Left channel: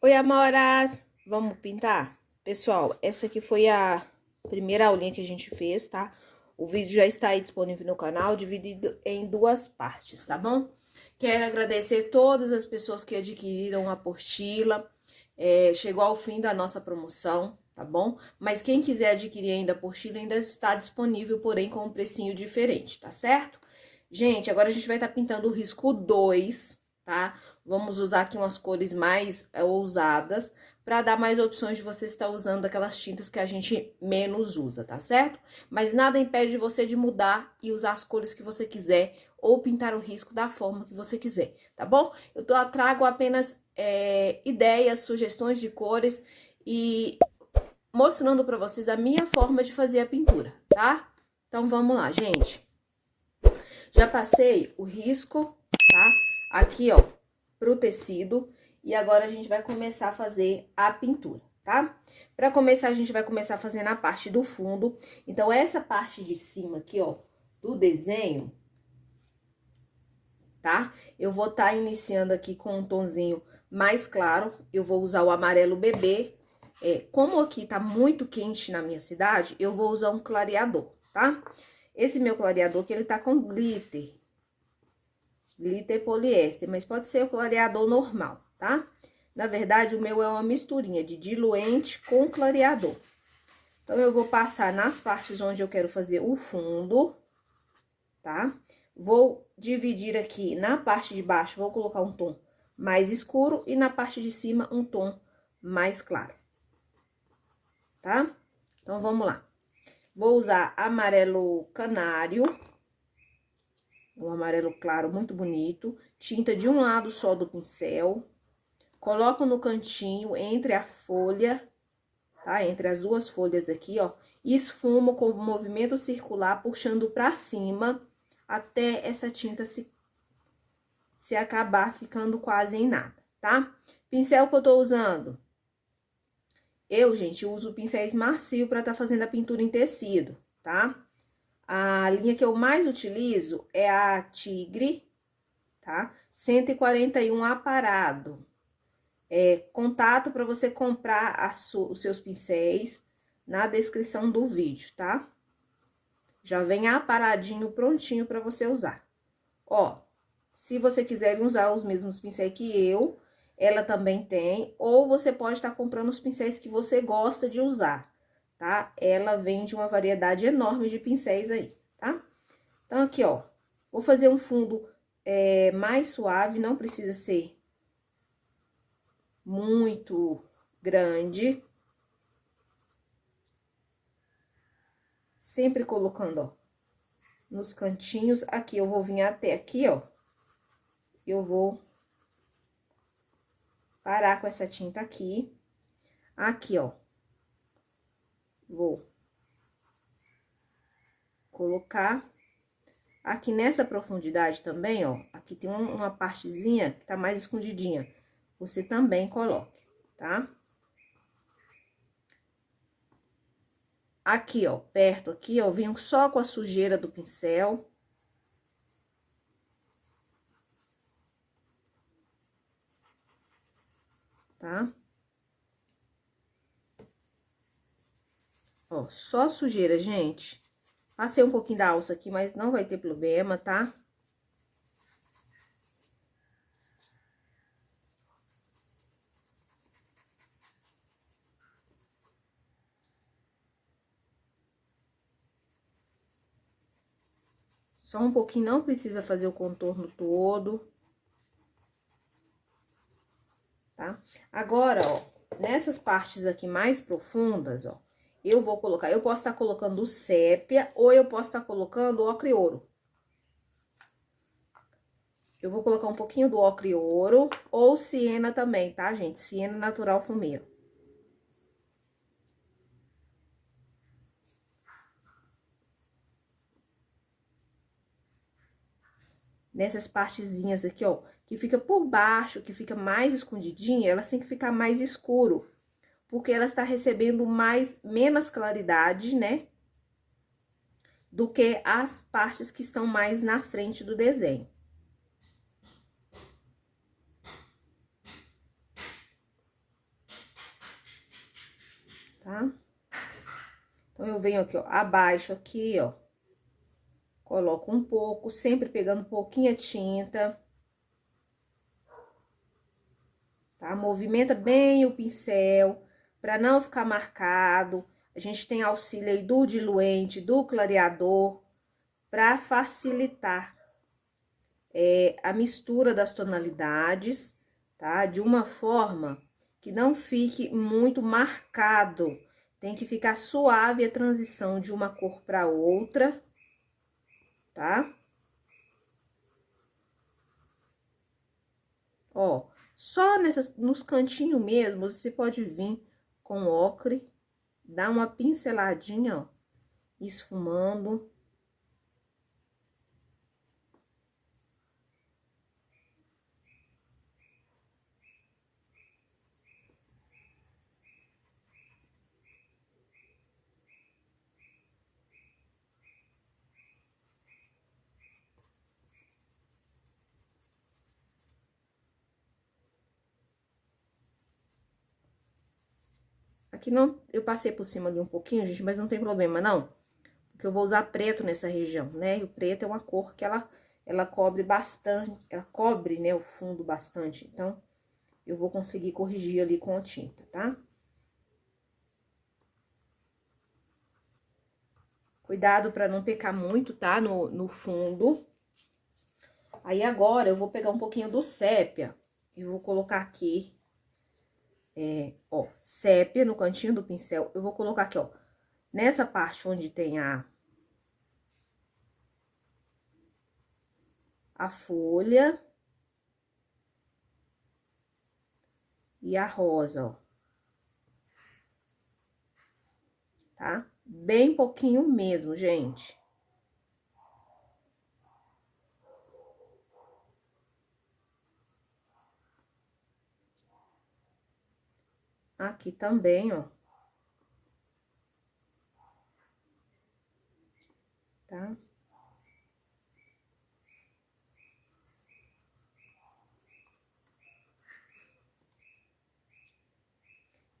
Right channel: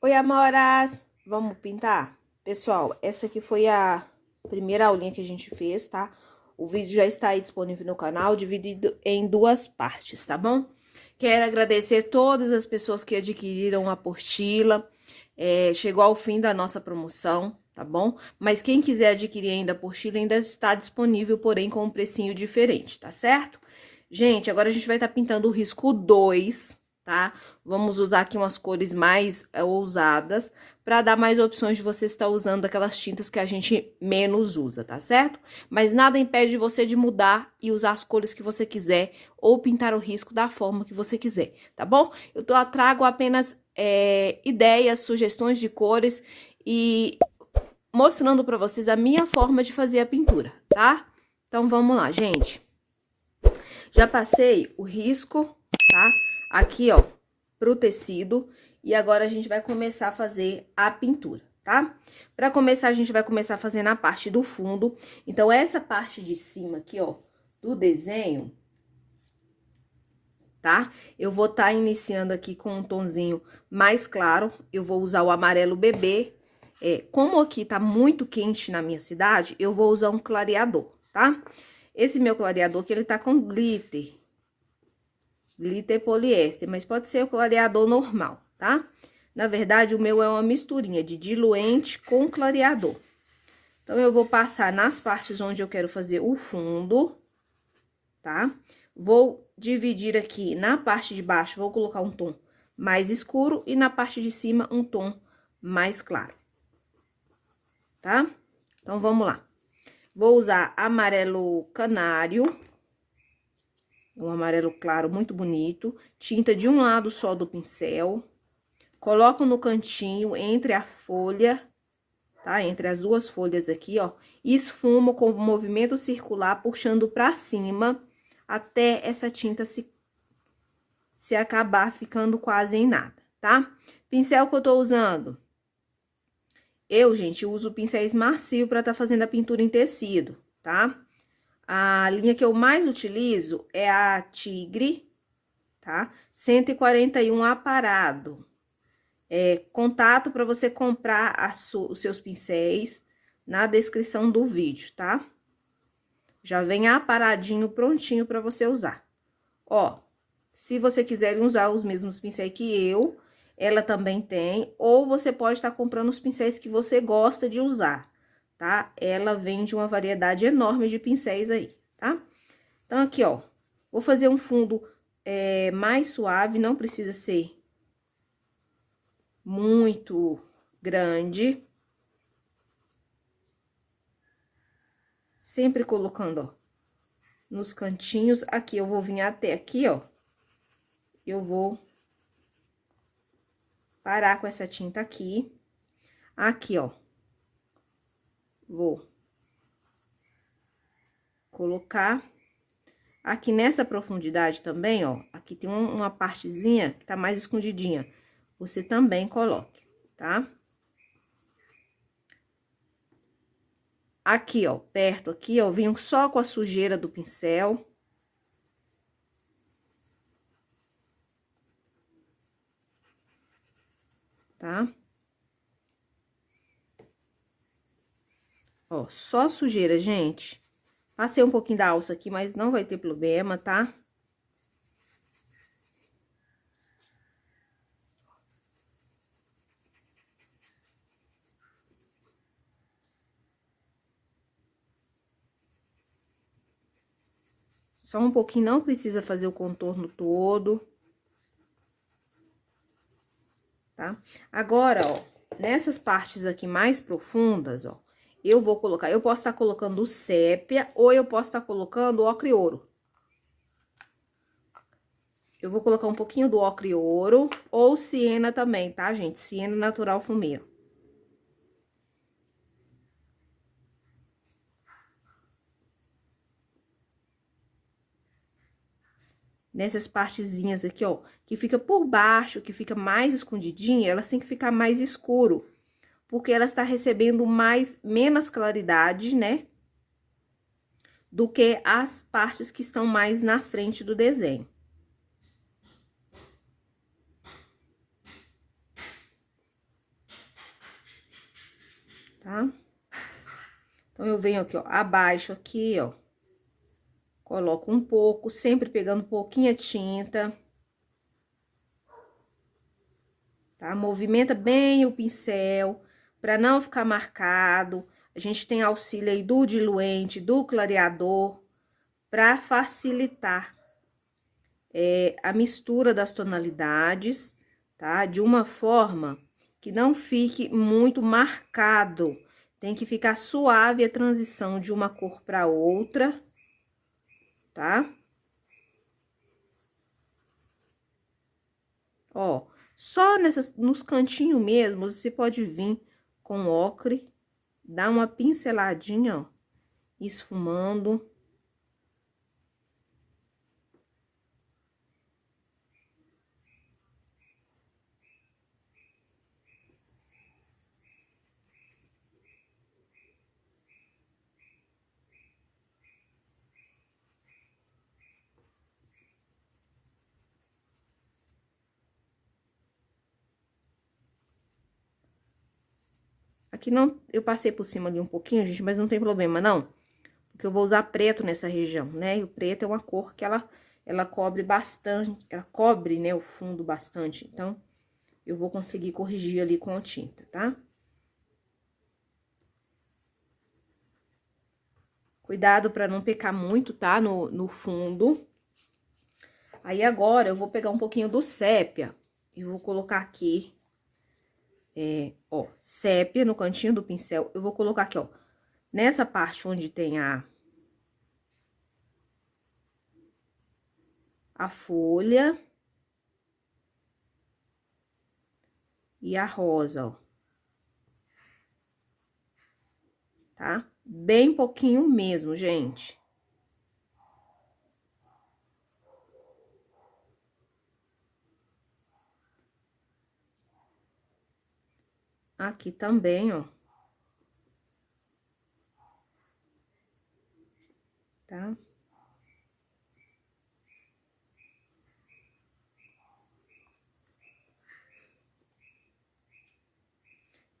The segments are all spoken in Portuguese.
Oi, amoras! Vamos pintar? Pessoal, essa aqui foi a primeira aulinha que a gente fez, tá? O vídeo já está aí disponível no canal, dividido em duas partes, tá bom? Quero agradecer todas as pessoas que adquiriram a apostila. Chegou ao fim da nossa promoção, tá bom? Mas quem quiser adquirir ainda a apostila ainda está disponível, porém com um precinho diferente, tá certo? Gente, agora a gente vai estar pintando o risco 2, tá? Vamos usar aqui umas cores mais ousadas para dar mais opções de você estar usando aquelas tintas que a gente menos usa, tá certo? Mas nada impede você de mudar e usar as cores que você quiser ou pintar o risco da forma que você quiser, tá bom? Trago apenas ideias, sugestões de cores e mostrando para vocês a minha forma de fazer a pintura, tá? Então vamos lá, gente. Já passei o risco, tá? Aqui, ó, pro tecido. E agora a gente vai começar a fazer a pintura, tá? Pra começar, a gente vai começar fazendo a parte do fundo. Então, essa parte de cima aqui, ó, do desenho, tá? Eu vou estar iniciando aqui com um tonzinho mais claro. Eu vou usar o amarelo bebê. Como aqui tá muito quente na minha cidade, eu vou usar um clareador, tá? Esse meu clareador aqui, ele tá com glitter poliéster, mas pode ser o clareador normal, tá? Na verdade, o meu é uma misturinha de diluente com clareador. Então, eu vou passar nas partes onde eu quero fazer o fundo, tá? Vou dividir aqui na parte de baixo, vou colocar um tom mais escuro e na parte de cima um tom mais claro, tá? Então, vamos lá. Vou usar amarelo canário, um amarelo claro muito bonito, tinta de um lado só do pincel. Coloco no cantinho, entre a folha, tá? Entre as duas folhas aqui, ó. E esfumo com o movimento circular, puxando pra cima, até essa tinta se acabar ficando quase em nada, tá? Pincel que eu tô usando. Gente, uso pincéis macio pra tá fazendo a pintura em tecido, tá? A linha que eu mais utilizo é a Tigre, tá? 141 aparado. Contato para você comprar os seus pincéis na descrição do vídeo, tá? Já vem aparadinho, prontinho para você usar. Ó, se você quiser usar os mesmos pincéis que eu, ela também tem, ou você pode estar comprando os pincéis que você gosta de usar, tá? Ela vende uma variedade enorme de pincéis aí, tá? Então, aqui, ó, vou fazer um fundo mais suave, não precisa ser muito grande. Sempre colocando, ó, nos cantinhos. Aqui, eu vou vir até aqui, ó. Eu vou parar com essa tinta aqui. Aqui, ó. Vou colocar. Aqui nessa profundidade também, ó. Aqui tem uma partezinha que tá mais escondidinha. Você também coloque, tá? Aqui, ó, perto aqui, ó, eu venho só com a sujeira do pincel. Tá? Ó, só sujeira, gente. Passei um pouquinho da alça aqui, mas não vai ter problema, tá? Só um pouquinho, não precisa fazer o contorno todo. Tá? Agora, ó, nessas partes aqui mais profundas, ó, eu vou colocar, eu posso estar colocando sépia ou eu posso estar colocando ocre ouro. Eu vou colocar um pouquinho do ocre ouro ou siena também, tá, gente? Siena natural fumê. Nessas partezinhas aqui, ó, que fica por baixo, que fica mais escondidinha, elas têm que ficar mais escuro, porque ela está recebendo menos claridade, né? Do que as partes que estão mais na frente do desenho. tá? Então, eu venho aqui, ó, abaixo aqui, ó. Coloco um pouco, sempre pegando pouquinha tinta. Tá? Movimenta bem o pincel, para não ficar marcado. A gente tem auxílio aí do diluente, do clareador, para facilitar a mistura das tonalidades, tá? De uma forma que não fique muito marcado. Tem que ficar suave a transição de uma cor para outra, tá? Ó, só nos cantinhos mesmo, você pode vir com ocre, dar uma pinceladinha, ó, esfumando. Aqui não, eu passei por cima ali um pouquinho, gente, mas não tem problema, não. Porque eu vou usar preto nessa região, né? E o preto é uma cor que ela cobre bastante, ela cobre, né, o fundo bastante. Então, eu vou conseguir corrigir ali com a tinta, tá? Cuidado pra não pecar muito, tá? No fundo. Aí, agora, eu vou pegar um pouquinho do sépia e vou colocar aqui, ó, sépia no cantinho do pincel. Eu vou colocar aqui, ó, nessa parte onde tem a folha e a rosa, ó. Tá? Bem pouquinho mesmo, gente. Aqui também, ó. Tá?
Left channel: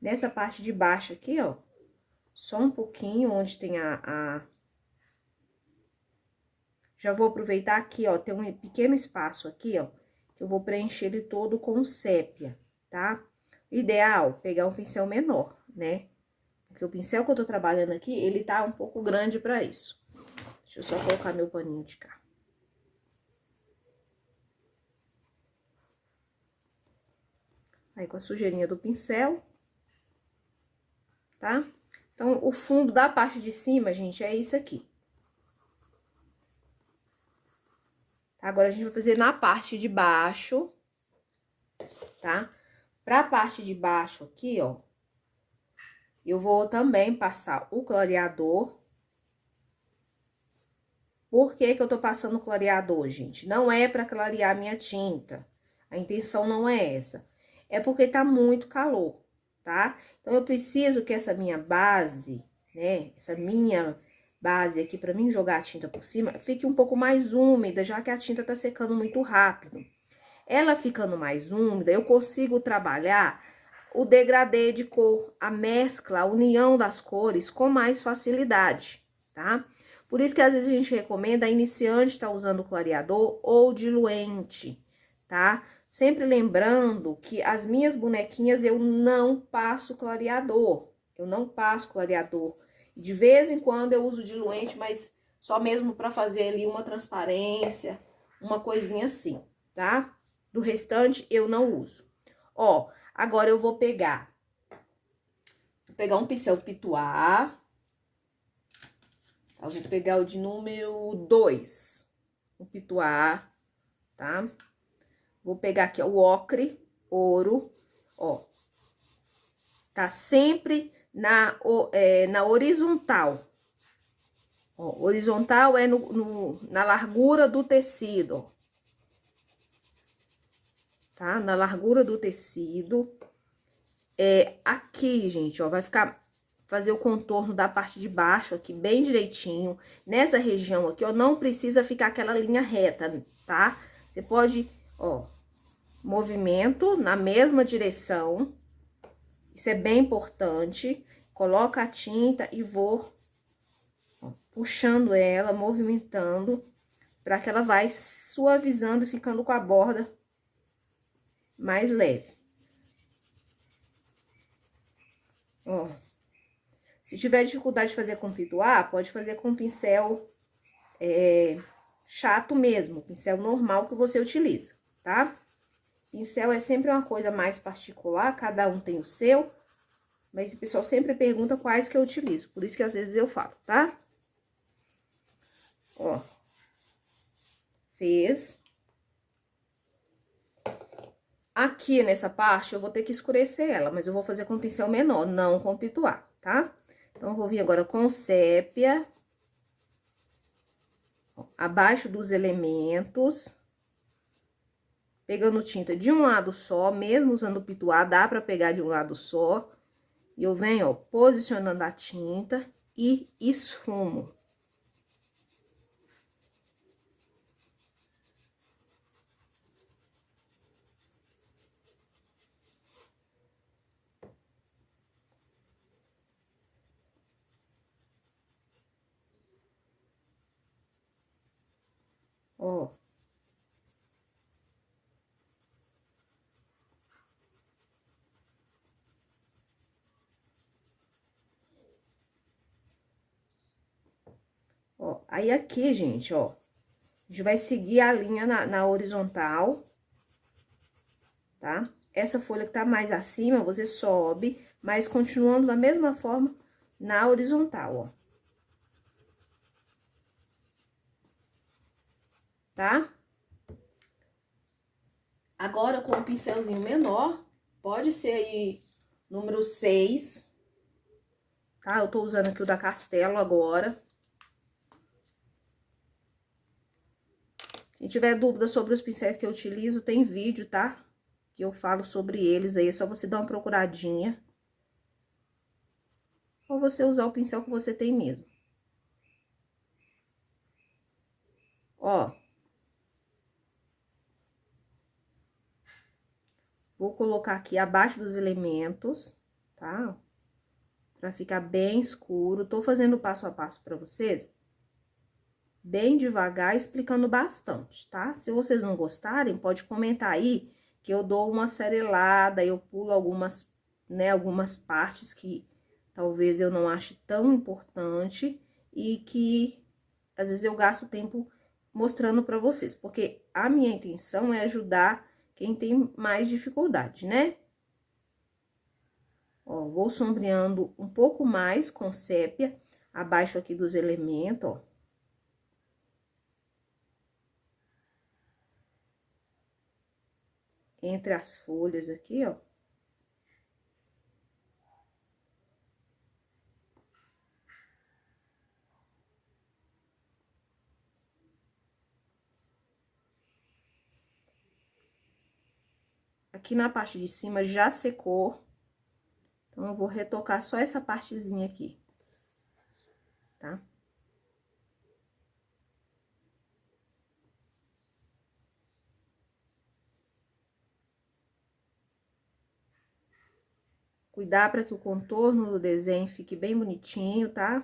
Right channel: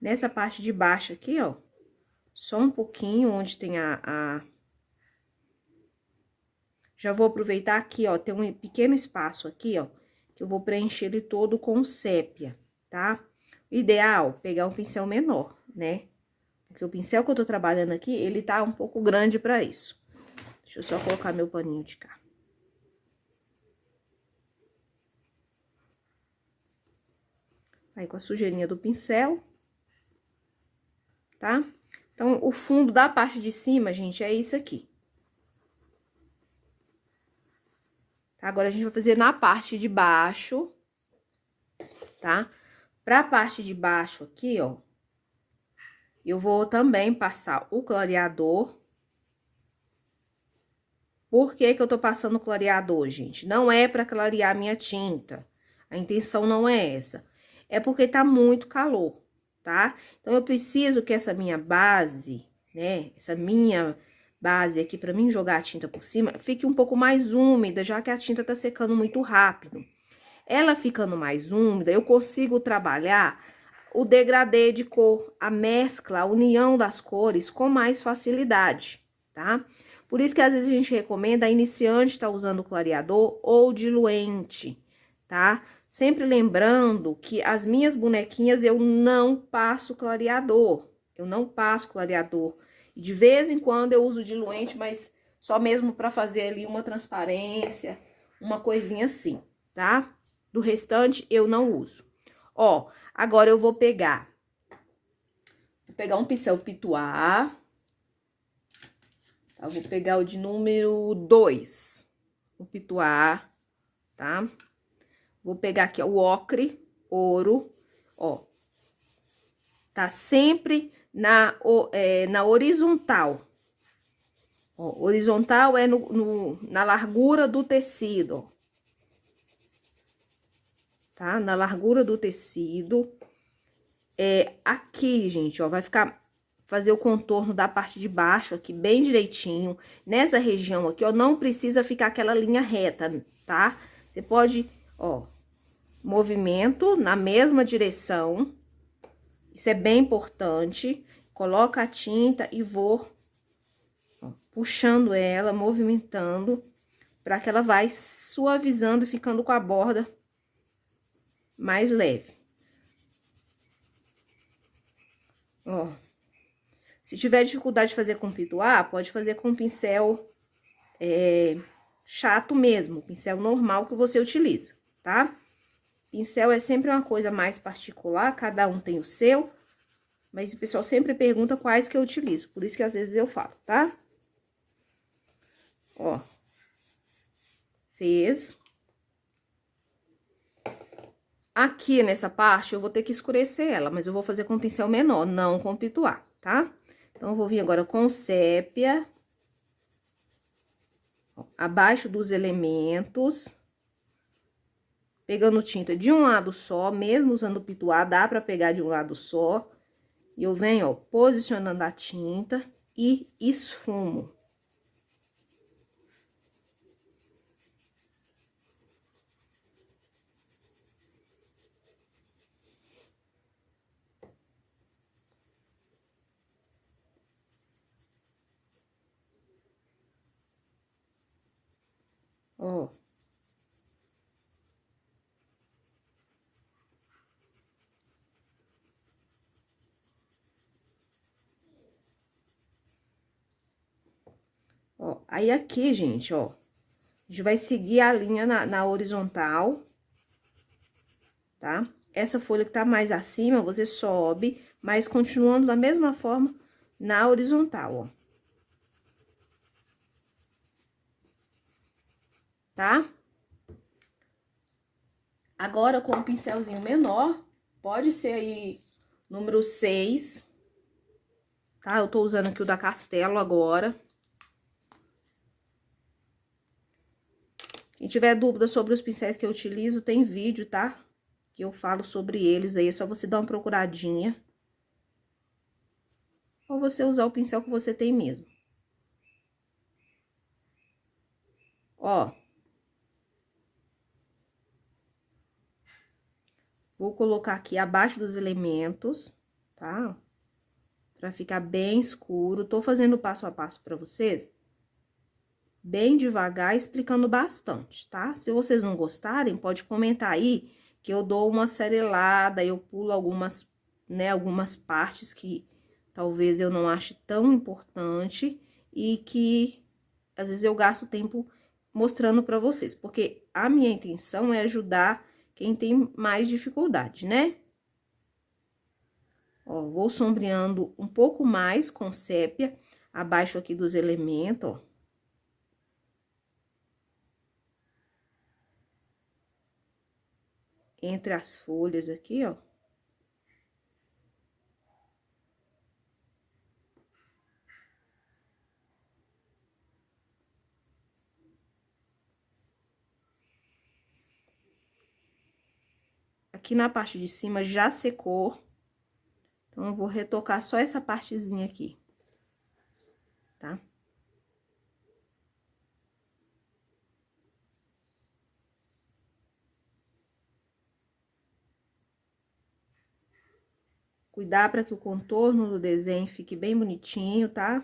Nessa parte de baixo aqui, ó, só um pouquinho onde tem Já vou aproveitar aqui, ó, tem um pequeno espaço aqui, ó, que eu vou preencher ele todo com sépia, tá? Ideal, pegar um pincel menor, né? Porque o pincel que eu tô trabalhando aqui, ele tá um pouco grande pra isso. Deixa eu só colocar meu paninho de cá. Aí, com a sujeirinha do pincel, tá? Então, o fundo da parte de cima, gente, é isso aqui. Agora, a gente vai fazer na parte de baixo, tá? Pra parte de baixo aqui, ó, eu vou também passar o clareador. Por que que eu tô passando o clareador, gente? Não é pra clarear minha tinta. A intenção não é essa. É porque tá muito calor, tá? Então, eu preciso que essa minha base, né? Essa minha base aqui, pra mim jogar a tinta por cima, fique um pouco mais úmida, já que a tinta tá secando muito rápido. Ela ficando mais úmida, eu consigo trabalhar o degradê de cor, a mescla, a união das cores com mais facilidade, tá? Por isso que às vezes a gente recomenda a iniciante estar usando clareador ou diluente, tá? Sempre lembrando que as minhas bonequinhas eu não passo clareador, eu não passo clareador. De vez em quando eu uso diluente, mas só mesmo para fazer ali uma transparência, uma coisinha assim, tá? Do restante eu não uso. Ó, agora eu vou pegar um pincel pituá. Eu vou pegar o de número 2, o pituá, tá? Vou pegar aqui, ó, o ocre, ouro, ó. Tá sempre na horizontal. Ó, horizontal é na largura do tecido, ó. Tá? Na largura do tecido. Aqui, gente, ó, vai fazer o contorno da parte de baixo aqui bem direitinho. Nessa região aqui, ó, não precisa ficar aquela linha reta, tá? Você pode, ó, movimento na mesma direção. Isso é bem importante. coloco a tinta e vou, ó, puxando ela, movimentando, para que ela vai suavizando e ficando com a borda mais leve. Ó. Se tiver dificuldade de fazer com pituá, pode fazer com pincel chato mesmo, pincel normal que você utiliza, tá? Pincel é sempre uma coisa mais particular, cada um tem o seu, mas o pessoal sempre pergunta quais que eu utilizo, por isso que às vezes eu falo, tá? Ó. Fez. Aqui nessa parte eu vou ter que escurecer ela, mas eu vou fazer com pincel menor, não com pituá, tá? Então, eu vou vir agora com sépia. Abaixo dos elementos. Pegando tinta de um lado só, mesmo usando pituá, dá pra pegar de um lado só. E eu venho, ó, posicionando a tinta e esfumo. Ó. Ó, aí aqui, gente, ó, a gente vai seguir a linha na horizontal, tá? Essa folha que tá mais acima, você sobe, mas continuando da mesma forma na horizontal, ó. Tá? Agora, com um pincelzinho menor, pode ser aí número 6, tá? Eu tô usando aqui o da Castelo agora. Quem tiver dúvida sobre os pincéis que eu utilizo, tem vídeo, tá? Que eu falo sobre eles aí, é só você dar uma procuradinha. Ou você usar o pincel que você tem mesmo. Ó. Vou colocar aqui abaixo dos elementos, tá? Pra ficar bem escuro. Tô fazendo passo a passo pra vocês, bem devagar, explicando bastante, tá? Se vocês não gostarem, pode comentar aí que eu dou uma serelada, eu pulo algumas, né, algumas partes que talvez eu não ache tão importante e que às vezes eu gasto tempo mostrando pra vocês, porque a minha intenção é ajudar quem tem mais dificuldade, né? Ó, vou sombreando um pouco mais com sépia, abaixo aqui dos elementos, ó. Entre as folhas aqui, ó. Aqui na parte de cima já secou. Então, eu vou retocar só essa partezinha aqui, tá? Cuidar para que o contorno do desenho fique bem bonitinho, tá?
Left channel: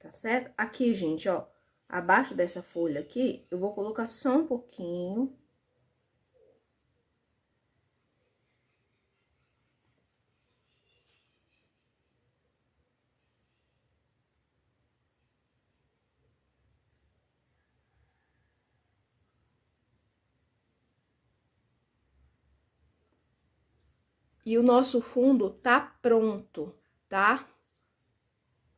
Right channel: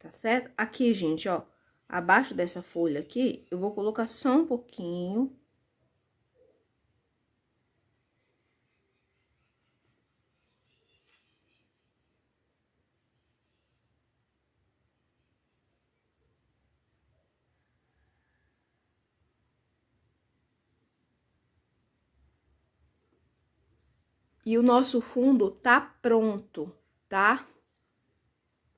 Tá certo? Aqui, gente, ó, abaixo dessa folha aqui, eu vou colocar só um pouquinho. E o nosso fundo tá pronto, tá?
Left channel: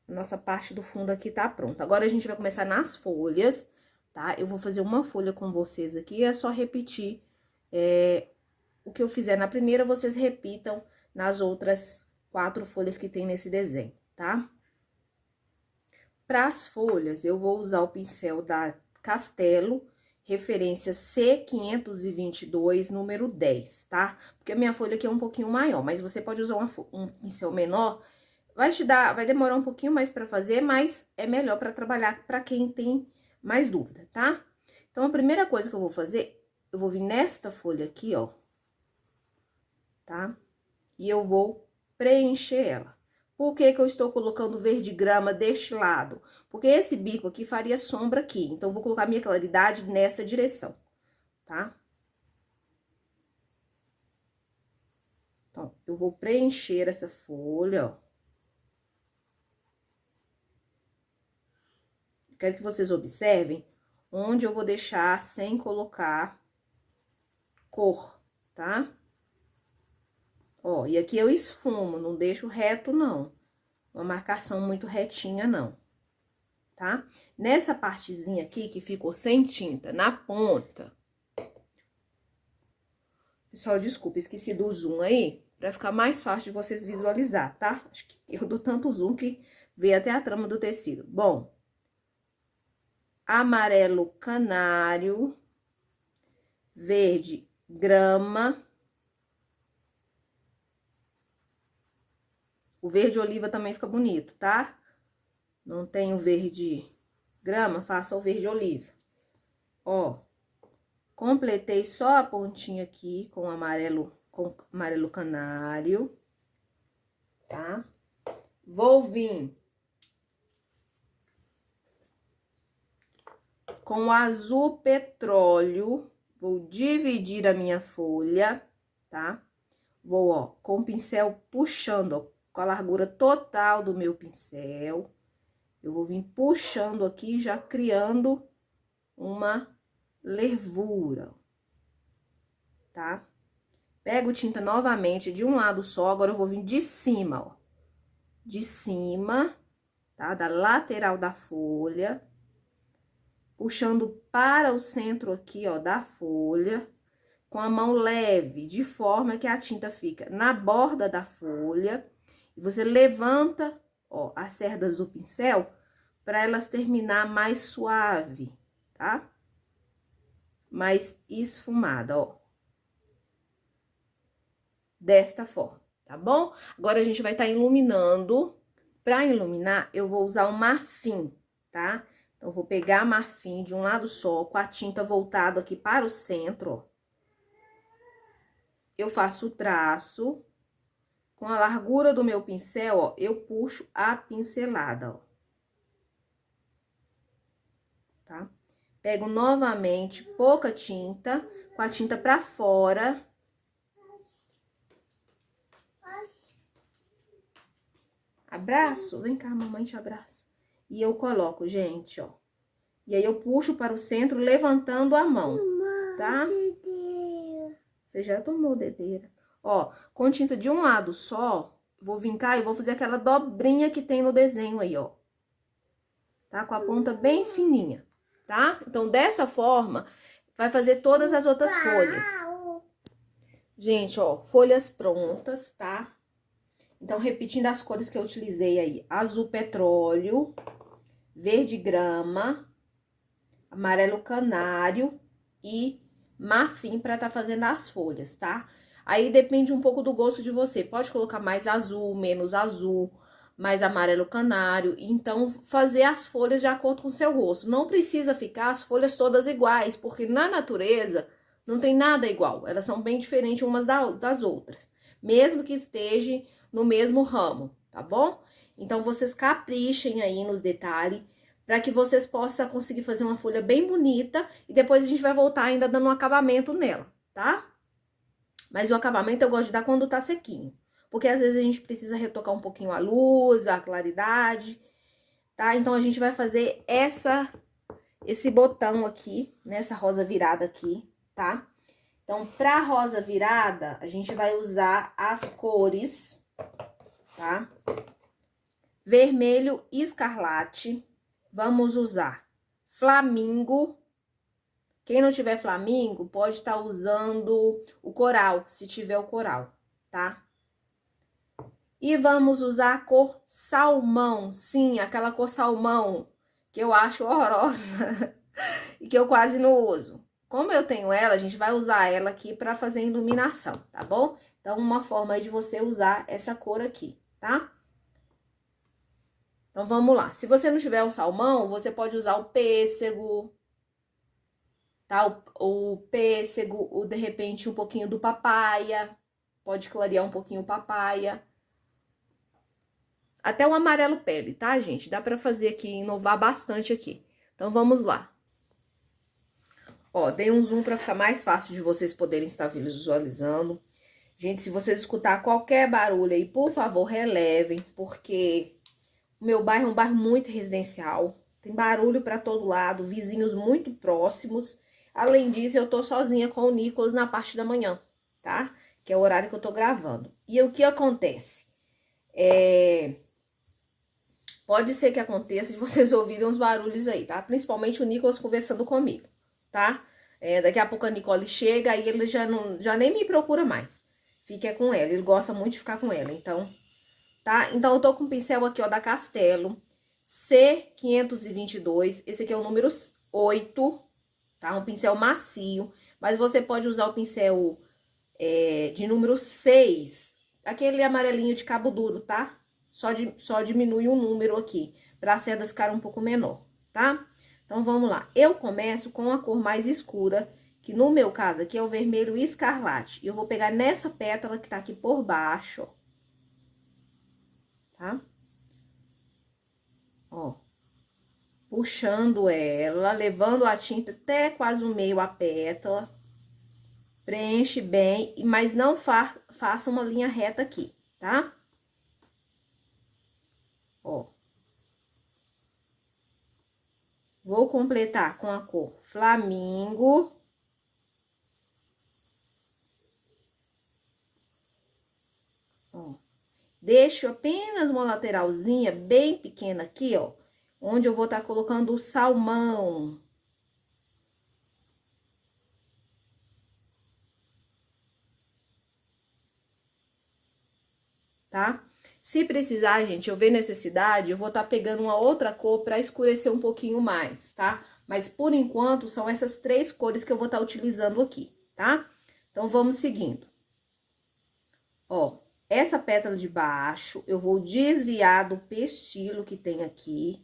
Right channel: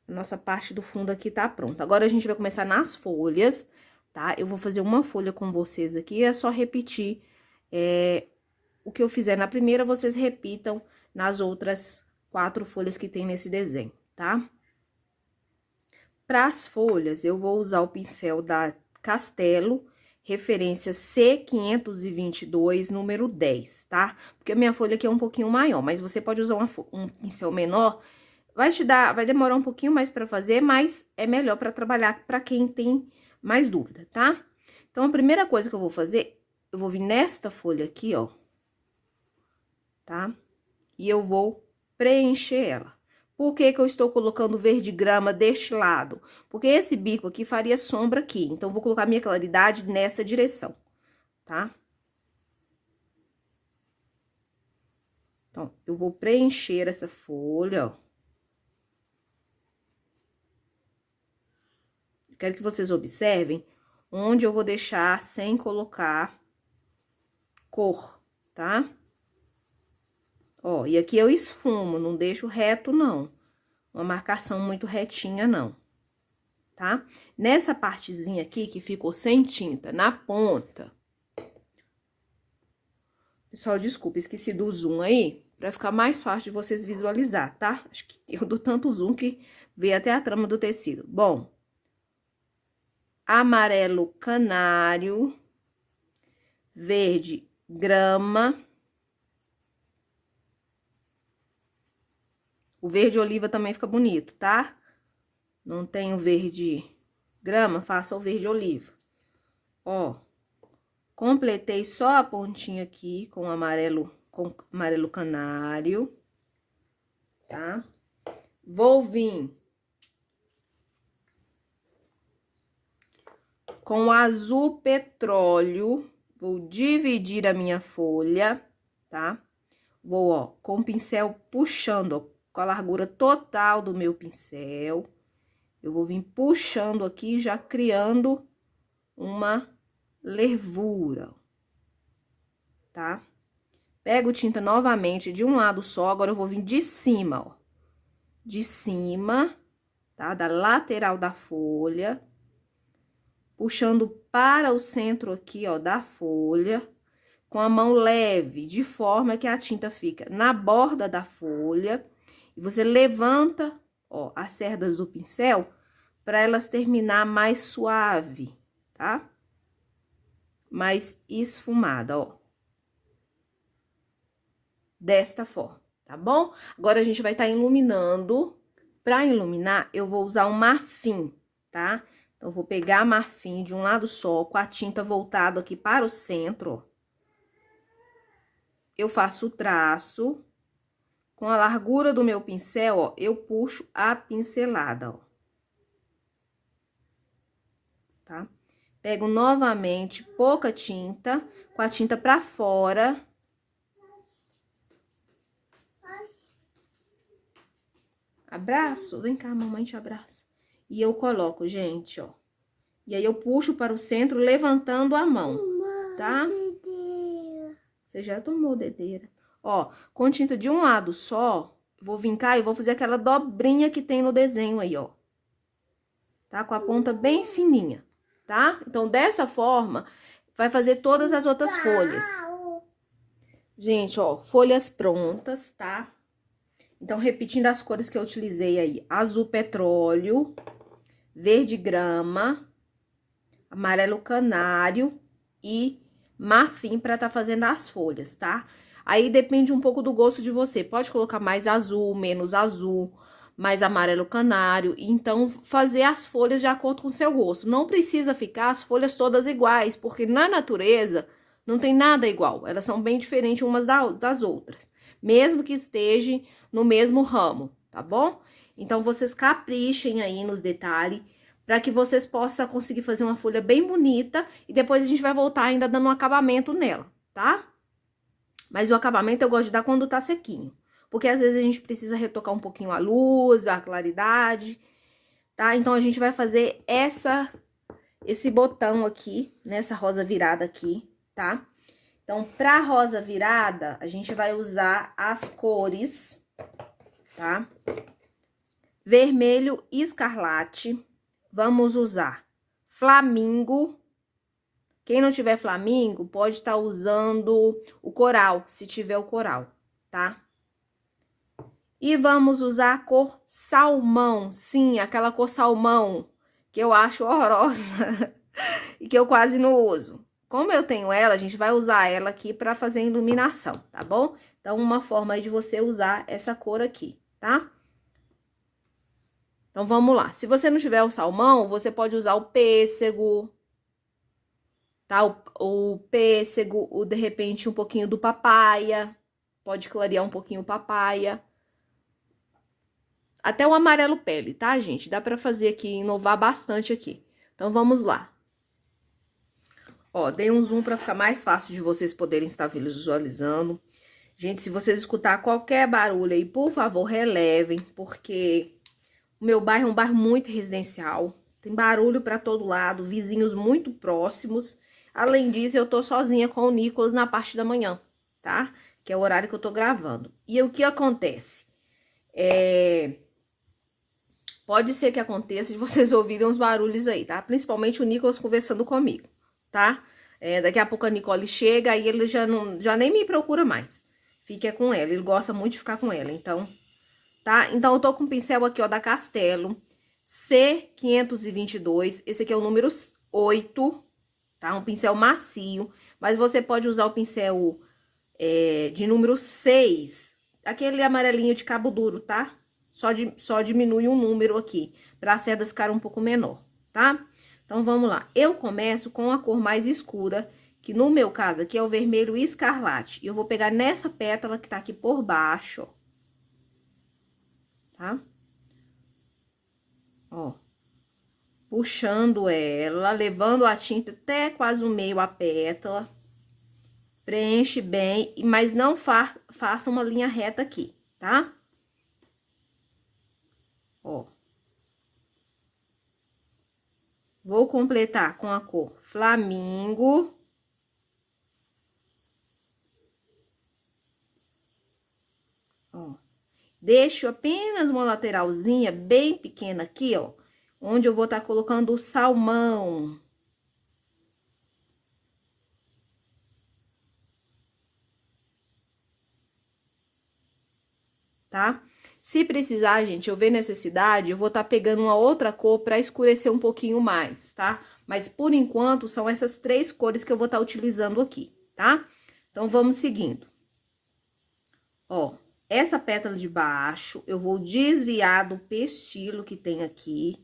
A nossa parte do fundo aqui tá pronta. Agora, a gente vai começar nas folhas, tá? Eu vou fazer uma folha com vocês aqui, é só repetir o que eu fizer na primeira, vocês repitam nas outras 4 folhas que tem nesse desenho, tá? Para as folhas, eu vou usar o pincel da Castelo, referência C522, número 10, tá? Porque a minha folha aqui é um pouquinho maior, mas você pode usar um pincel menor. Vai demorar um pouquinho mais pra fazer, mas é melhor pra trabalhar pra quem tem mais dúvida, tá? Então, a primeira coisa que eu vou fazer, eu vou vir nesta folha aqui, ó, tá? E eu vou preencher ela. Por que que eu estou colocando verde grama deste lado? Porque esse bico aqui faria sombra aqui. Então, eu vou colocar minha claridade nessa direção, tá? Então, eu vou preencher essa folha, ó. Quero que vocês observem onde eu vou deixar sem colocar cor, tá? Ó, e aqui eu esfumo, não deixo reto, não. Uma marcação muito retinha, não. Tá? Nessa partezinha aqui, que ficou sem tinta, na ponta... Pessoal, desculpa, esqueci do zoom aí, pra ficar mais fácil de vocês visualizar, tá? Acho que eu dou tanto zoom que vê até a trama do tecido. Bom, amarelo canário, verde grama... O verde oliva também fica bonito, tá? Não tem o verde grama, faça o verde oliva. Ó, completei só a pontinha aqui com amarelo canário, tá? Vou vir com o azul petróleo, vou dividir a minha folha, tá? Vou, ó, com o pincel puxando, ó, com a largura total do meu pincel. Eu vou vir puxando aqui, já criando uma nervura, tá? Pego tinta novamente de um lado só, agora eu vou vir de cima, ó. De cima, tá? Da lateral da folha. Puxando para o centro aqui, ó, da folha. Com a mão leve, de forma que a tinta fica na borda da folha. E você levanta, ó, as cerdas do pincel para elas terminar mais suave, tá? Mais esfumada, ó. Desta forma, tá bom? Agora, a gente vai estar iluminando. Para iluminar, eu vou usar um marfim, tá? Então, eu vou pegar marfim de um lado só, com a tinta voltada aqui para o centro, ó. Eu faço o traço. Com a largura do meu pincel, ó, eu puxo a pincelada, ó. Tá? Pego novamente pouca tinta, com a tinta pra fora. Abraço? Vem cá, mamãe te abraça. E eu coloco, gente, ó. E aí, eu puxo para o centro, levantando a mão, tá? Você já tomou dedeira. Ó, com tinta de um lado só, vou vir cá e vou fazer aquela dobrinha que tem no desenho aí, ó. Tá? Com a ponta bem fininha, tá? Então, dessa forma, vai fazer todas as outras folhas. Gente, ó, folhas prontas, tá? Então, repetindo as cores que eu utilizei aí. Azul petróleo, verde grama, amarelo canário e marfim pra tá fazendo as folhas, tá? Aí, depende um pouco do gosto de você. Pode colocar mais azul, menos azul, mais amarelo canário. Então, fazer as folhas de acordo com o seu gosto. Não precisa ficar as folhas todas iguais, porque na natureza não tem nada igual. Elas são bem diferentes umas das outras, mesmo que esteja no mesmo ramo, tá bom? Então, vocês caprichem aí nos detalhes, para que vocês possam conseguir fazer uma folha bem bonita. E depois a gente vai voltar ainda dando um acabamento nela, tá? Mas o acabamento eu gosto de dar quando tá sequinho. Porque às vezes a gente precisa retocar um pouquinho a luz, a claridade, tá? Então, a gente vai fazer esse botão aqui, nessa rosa virada aqui, tá? Então, pra rosa virada, a gente vai usar as cores, tá? Vermelho e escarlate. Vamos usar flamingo. Quem não tiver flamingo, pode estar usando o coral, se tiver o coral, tá? E vamos usar a cor salmão. Sim, aquela cor salmão que eu acho horrorosa. e que eu quase não uso. Como eu tenho ela, a gente vai usar ela aqui pra fazer iluminação, tá bom? Então, uma forma aí de você usar essa cor aqui, tá? Então, vamos lá. Se você não tiver o salmão, você pode usar o pêssego, tá? O pêssego, de repente, um pouquinho do papaya. Pode clarear um pouquinho o papaya. Até o amarelo pele, tá, gente? Dá pra fazer aqui, inovar bastante aqui. Então, vamos lá. Ó, dei um zoom pra ficar mais fácil de vocês poderem estar visualizando. Gente, se vocês escutar qualquer barulho aí, por favor, relevem, porque o meu bairro é um bairro muito residencial. Tem barulho pra todo lado, vizinhos muito próximos. Além disso, eu tô sozinha com o Nicolas na parte da manhã, tá? Que é o horário que eu tô gravando. E o que acontece? Pode ser que aconteça de vocês ouvirem uns barulhos aí, tá? Principalmente o Nicolas conversando comigo, tá? Daqui a pouco a Nicole chega, aí ele já nem me procura mais. Fica com ela, ele gosta muito de ficar com ela, então, tá? Então, eu tô com o pincel aqui, ó, da Castelo, C522, esse aqui é o número 8, tá? Um pincel macio, mas você pode usar o pincel de número 6, aquele amarelinho de cabo duro, tá? Só diminui um número aqui, para as cerdas ficarem um pouco menor, tá? Então, vamos lá. Eu começo com a cor mais escura, que no meu caso aqui é o vermelho escarlate. E eu vou pegar nessa pétala que tá aqui por baixo, ó. Tá? Ó. Puxando ela, levando a tinta até quase o meio a pétala. Preenche bem, mas não faça uma linha reta aqui, tá? Ó. Vou completar com a cor Flamingo. Ó. Deixo apenas uma lateralzinha bem pequena aqui, ó. Onde eu vou estar colocando o salmão. Tá? Se precisar, gente, eu ver necessidade, eu vou estar pegando uma outra cor pra escurecer um pouquinho mais, tá? Mas, por enquanto, são essas 3 cores que eu vou estar utilizando aqui, tá? Então, vamos seguindo. Ó, essa pétala de baixo, eu vou desviar do pestilo que tem aqui.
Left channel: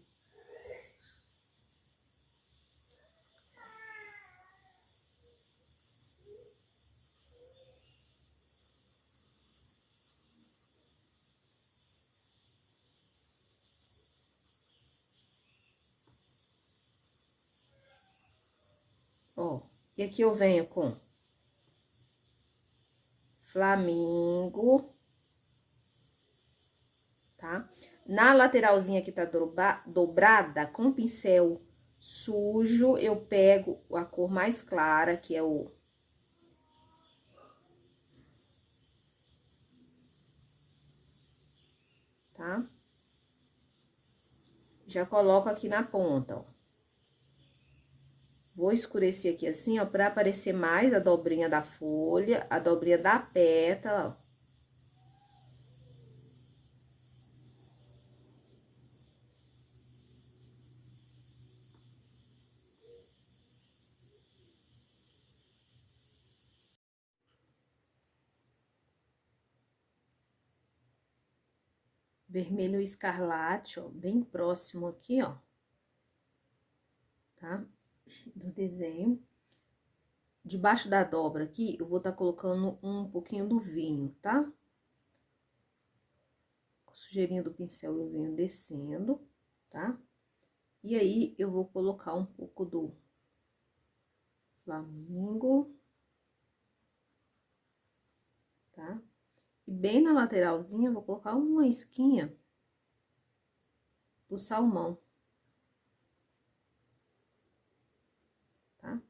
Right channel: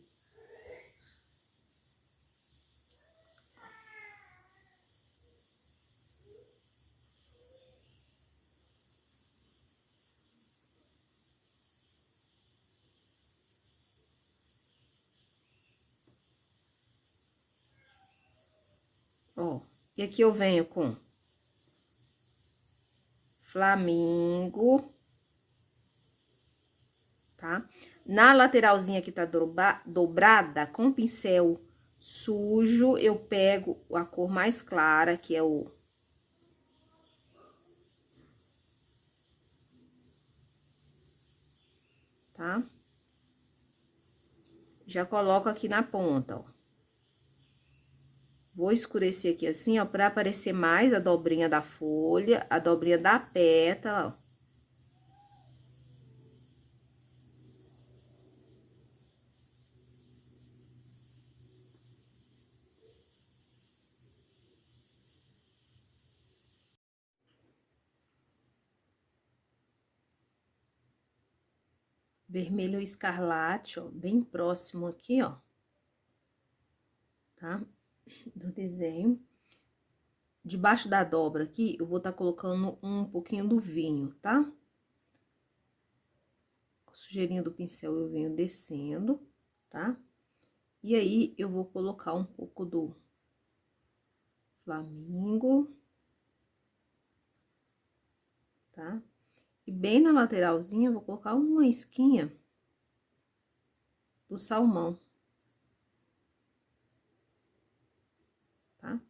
Ó, e aqui eu venho com Flamingo, tá? Na lateralzinha que tá dobrada, com pincel sujo, eu pego a cor mais clara, que é o... Tá? Já coloco aqui na ponta, ó. Vou escurecer aqui assim, ó, pra aparecer mais a dobrinha da folha, a dobrinha da pétala, ó. Vermelho escarlate, ó, bem próximo aqui, ó. Tá? Do desenho. Debaixo da dobra aqui, eu vou estar colocando um pouquinho do vinho, tá? Com a sujeirinha do pincel eu venho descendo, tá? E aí, eu vou colocar um pouco do Flamingo, tá? E bem na lateralzinha, eu vou colocar uma isquinha do salmão, tá?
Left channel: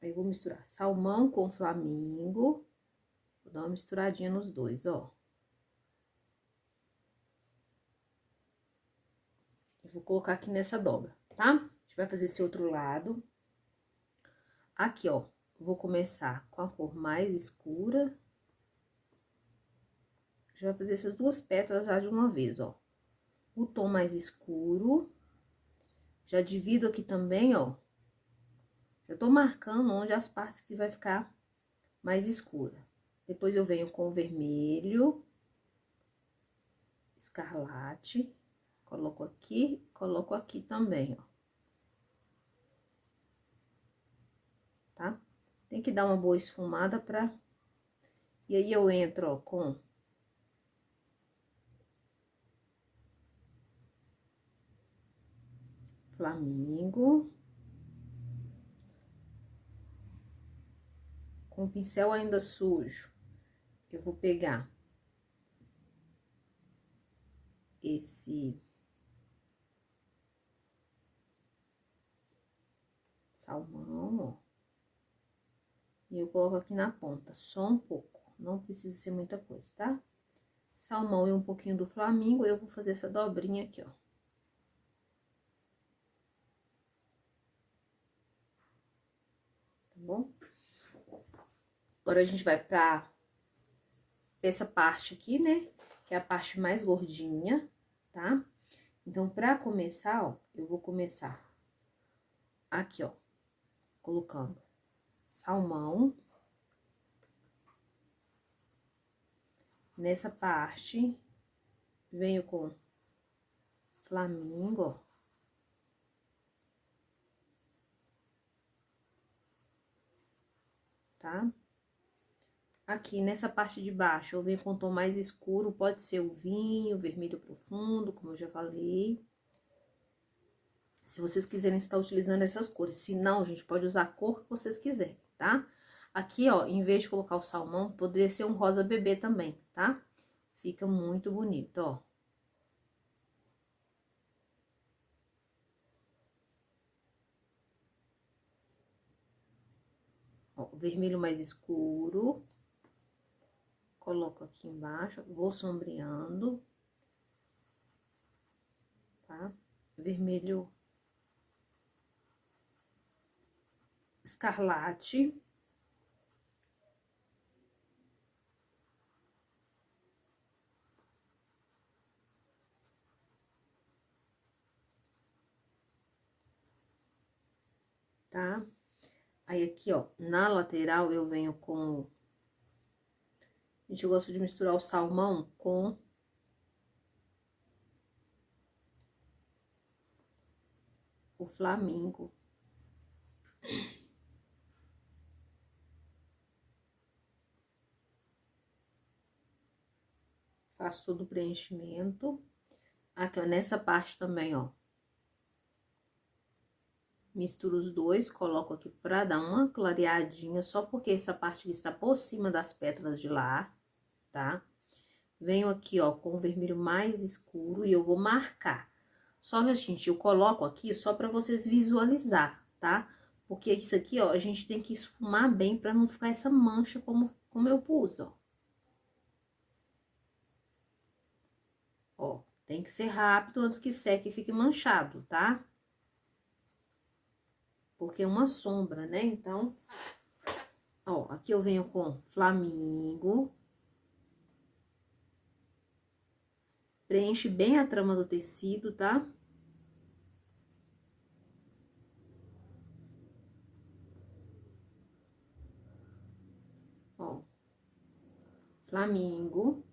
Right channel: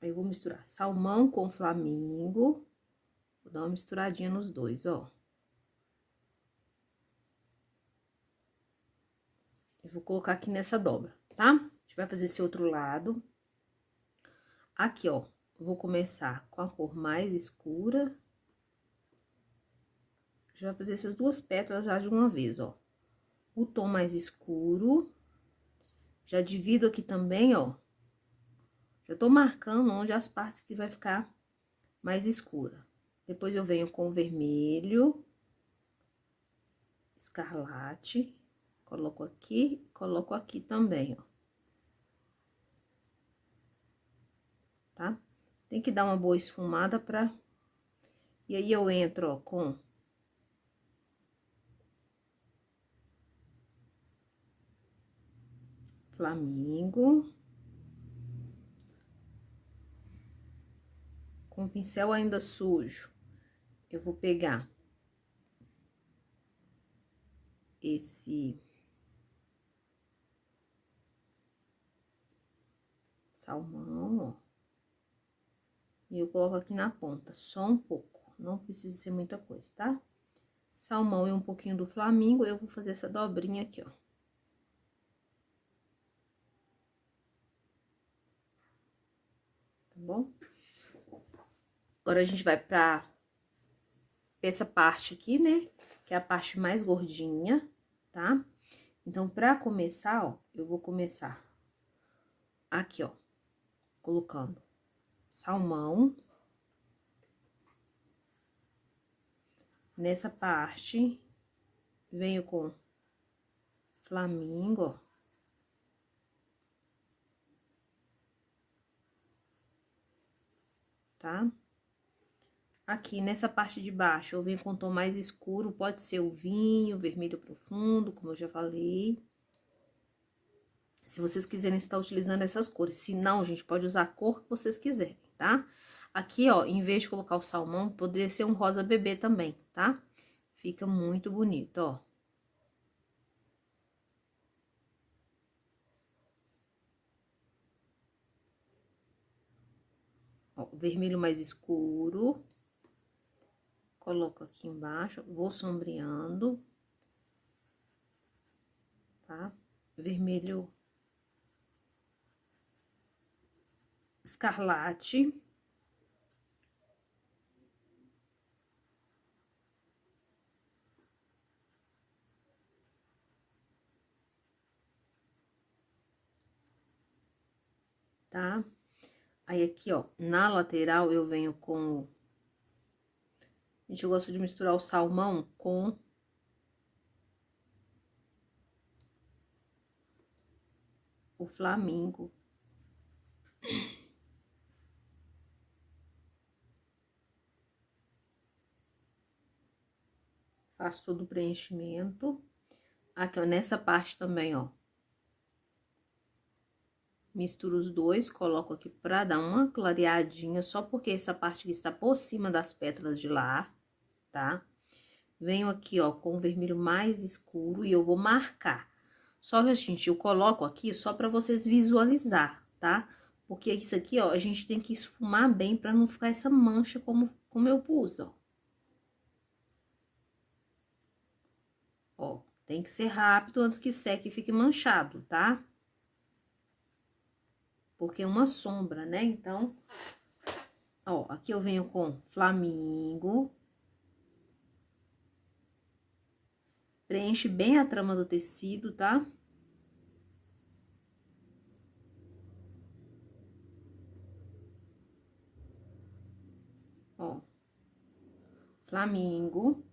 Aí, eu vou misturar salmão com Flamingo, vou dar uma misturadinha nos dois, ó. Eu vou colocar aqui nessa dobra, tá? A gente vai fazer esse outro lado. Aqui, ó, vou começar com a cor mais escura. Já vai fazer essas 2 pétalas já de uma vez, ó. O tom mais escuro. Já divido aqui também, ó. Já tô marcando onde as partes que vai ficar mais escura. Depois eu venho com o vermelho, escarlate, coloco aqui também, ó. Tá? Tem que dar uma boa esfumada pra... E aí, eu entro, ó, com... Flamingo. Com o pincel ainda sujo, eu vou pegar esse salmão, ó. E eu coloco aqui na ponta, só um pouco. Não precisa ser muita coisa, tá? Salmão e um pouquinho do flamingo, eu vou fazer essa dobrinha aqui, ó. Tá bom? Agora, a gente vai pra essa parte aqui, né? Que é a parte mais gordinha, tá? Então, pra começar, ó, eu vou começar aqui, ó, colocando salmão. Nessa parte, venho com flamingo, ó. Tá? Aqui, nessa parte de baixo, eu venho com um tom mais escuro, pode ser o vinho, vermelho profundo, como eu já falei. Se vocês quiserem estar utilizando essas cores. Se não, gente, pode usar a cor que vocês quiserem, tá? Aqui, ó, em vez de colocar o salmão, poderia ser um rosa bebê também, tá? Fica muito bonito, ó. Ó, vermelho mais escuro. Coloco aqui embaixo, vou sombreando. Tá? Vermelho escarlate. Tá? Aí, aqui, ó, na lateral, eu venho com... Gente, eu gosto de misturar o salmão com o flamingo. Faço todo o preenchimento. Aqui, ó, nessa parte também, ó. Misturo os dois, coloco aqui pra dar uma clareadinha, só porque essa parte aqui está por cima das pétalas de lar, tá? Venho aqui, ó, com o vermelho mais escuro e eu vou marcar. Só que, gente, eu coloco aqui só pra vocês visualizar, tá? Porque isso aqui, ó, a gente tem que esfumar bem pra não ficar essa mancha como eu pus, ó. Ó, tem que ser rápido antes que seque e fique manchado, tá? Porque é uma sombra, né? Então, ó, aqui eu venho com flamingo. Preenche bem a trama do tecido, tá? Ó, flamingo.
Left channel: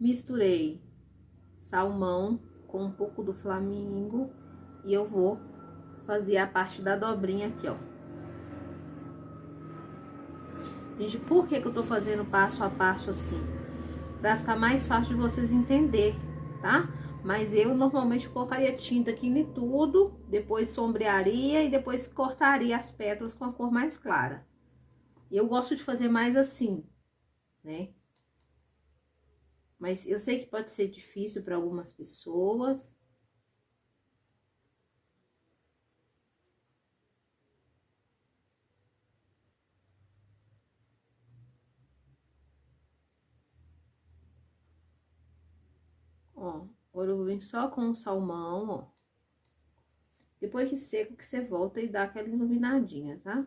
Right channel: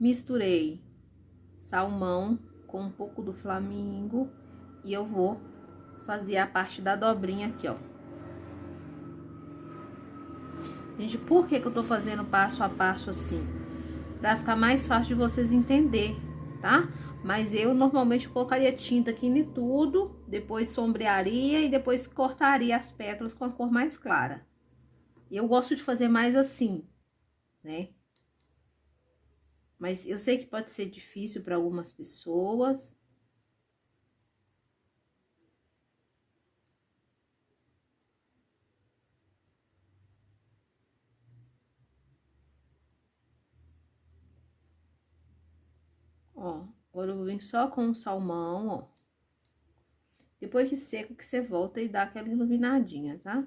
Misturei salmão com um pouco do flamingo e eu vou fazer a parte da dobrinha aqui, ó. Gente, por que que eu tô fazendo passo a passo assim? Pra ficar mais fácil de vocês entender, tá? Mas eu normalmente colocaria tinta aqui em tudo, depois sombrearia e depois cortaria as pétalas com a cor mais clara. Eu gosto de fazer mais assim, né? Mas eu sei que pode ser difícil para algumas pessoas. Ó, agora eu vou vir só com o salmão, ó. Depois que seco, que você volta e dá aquela iluminadinha, tá?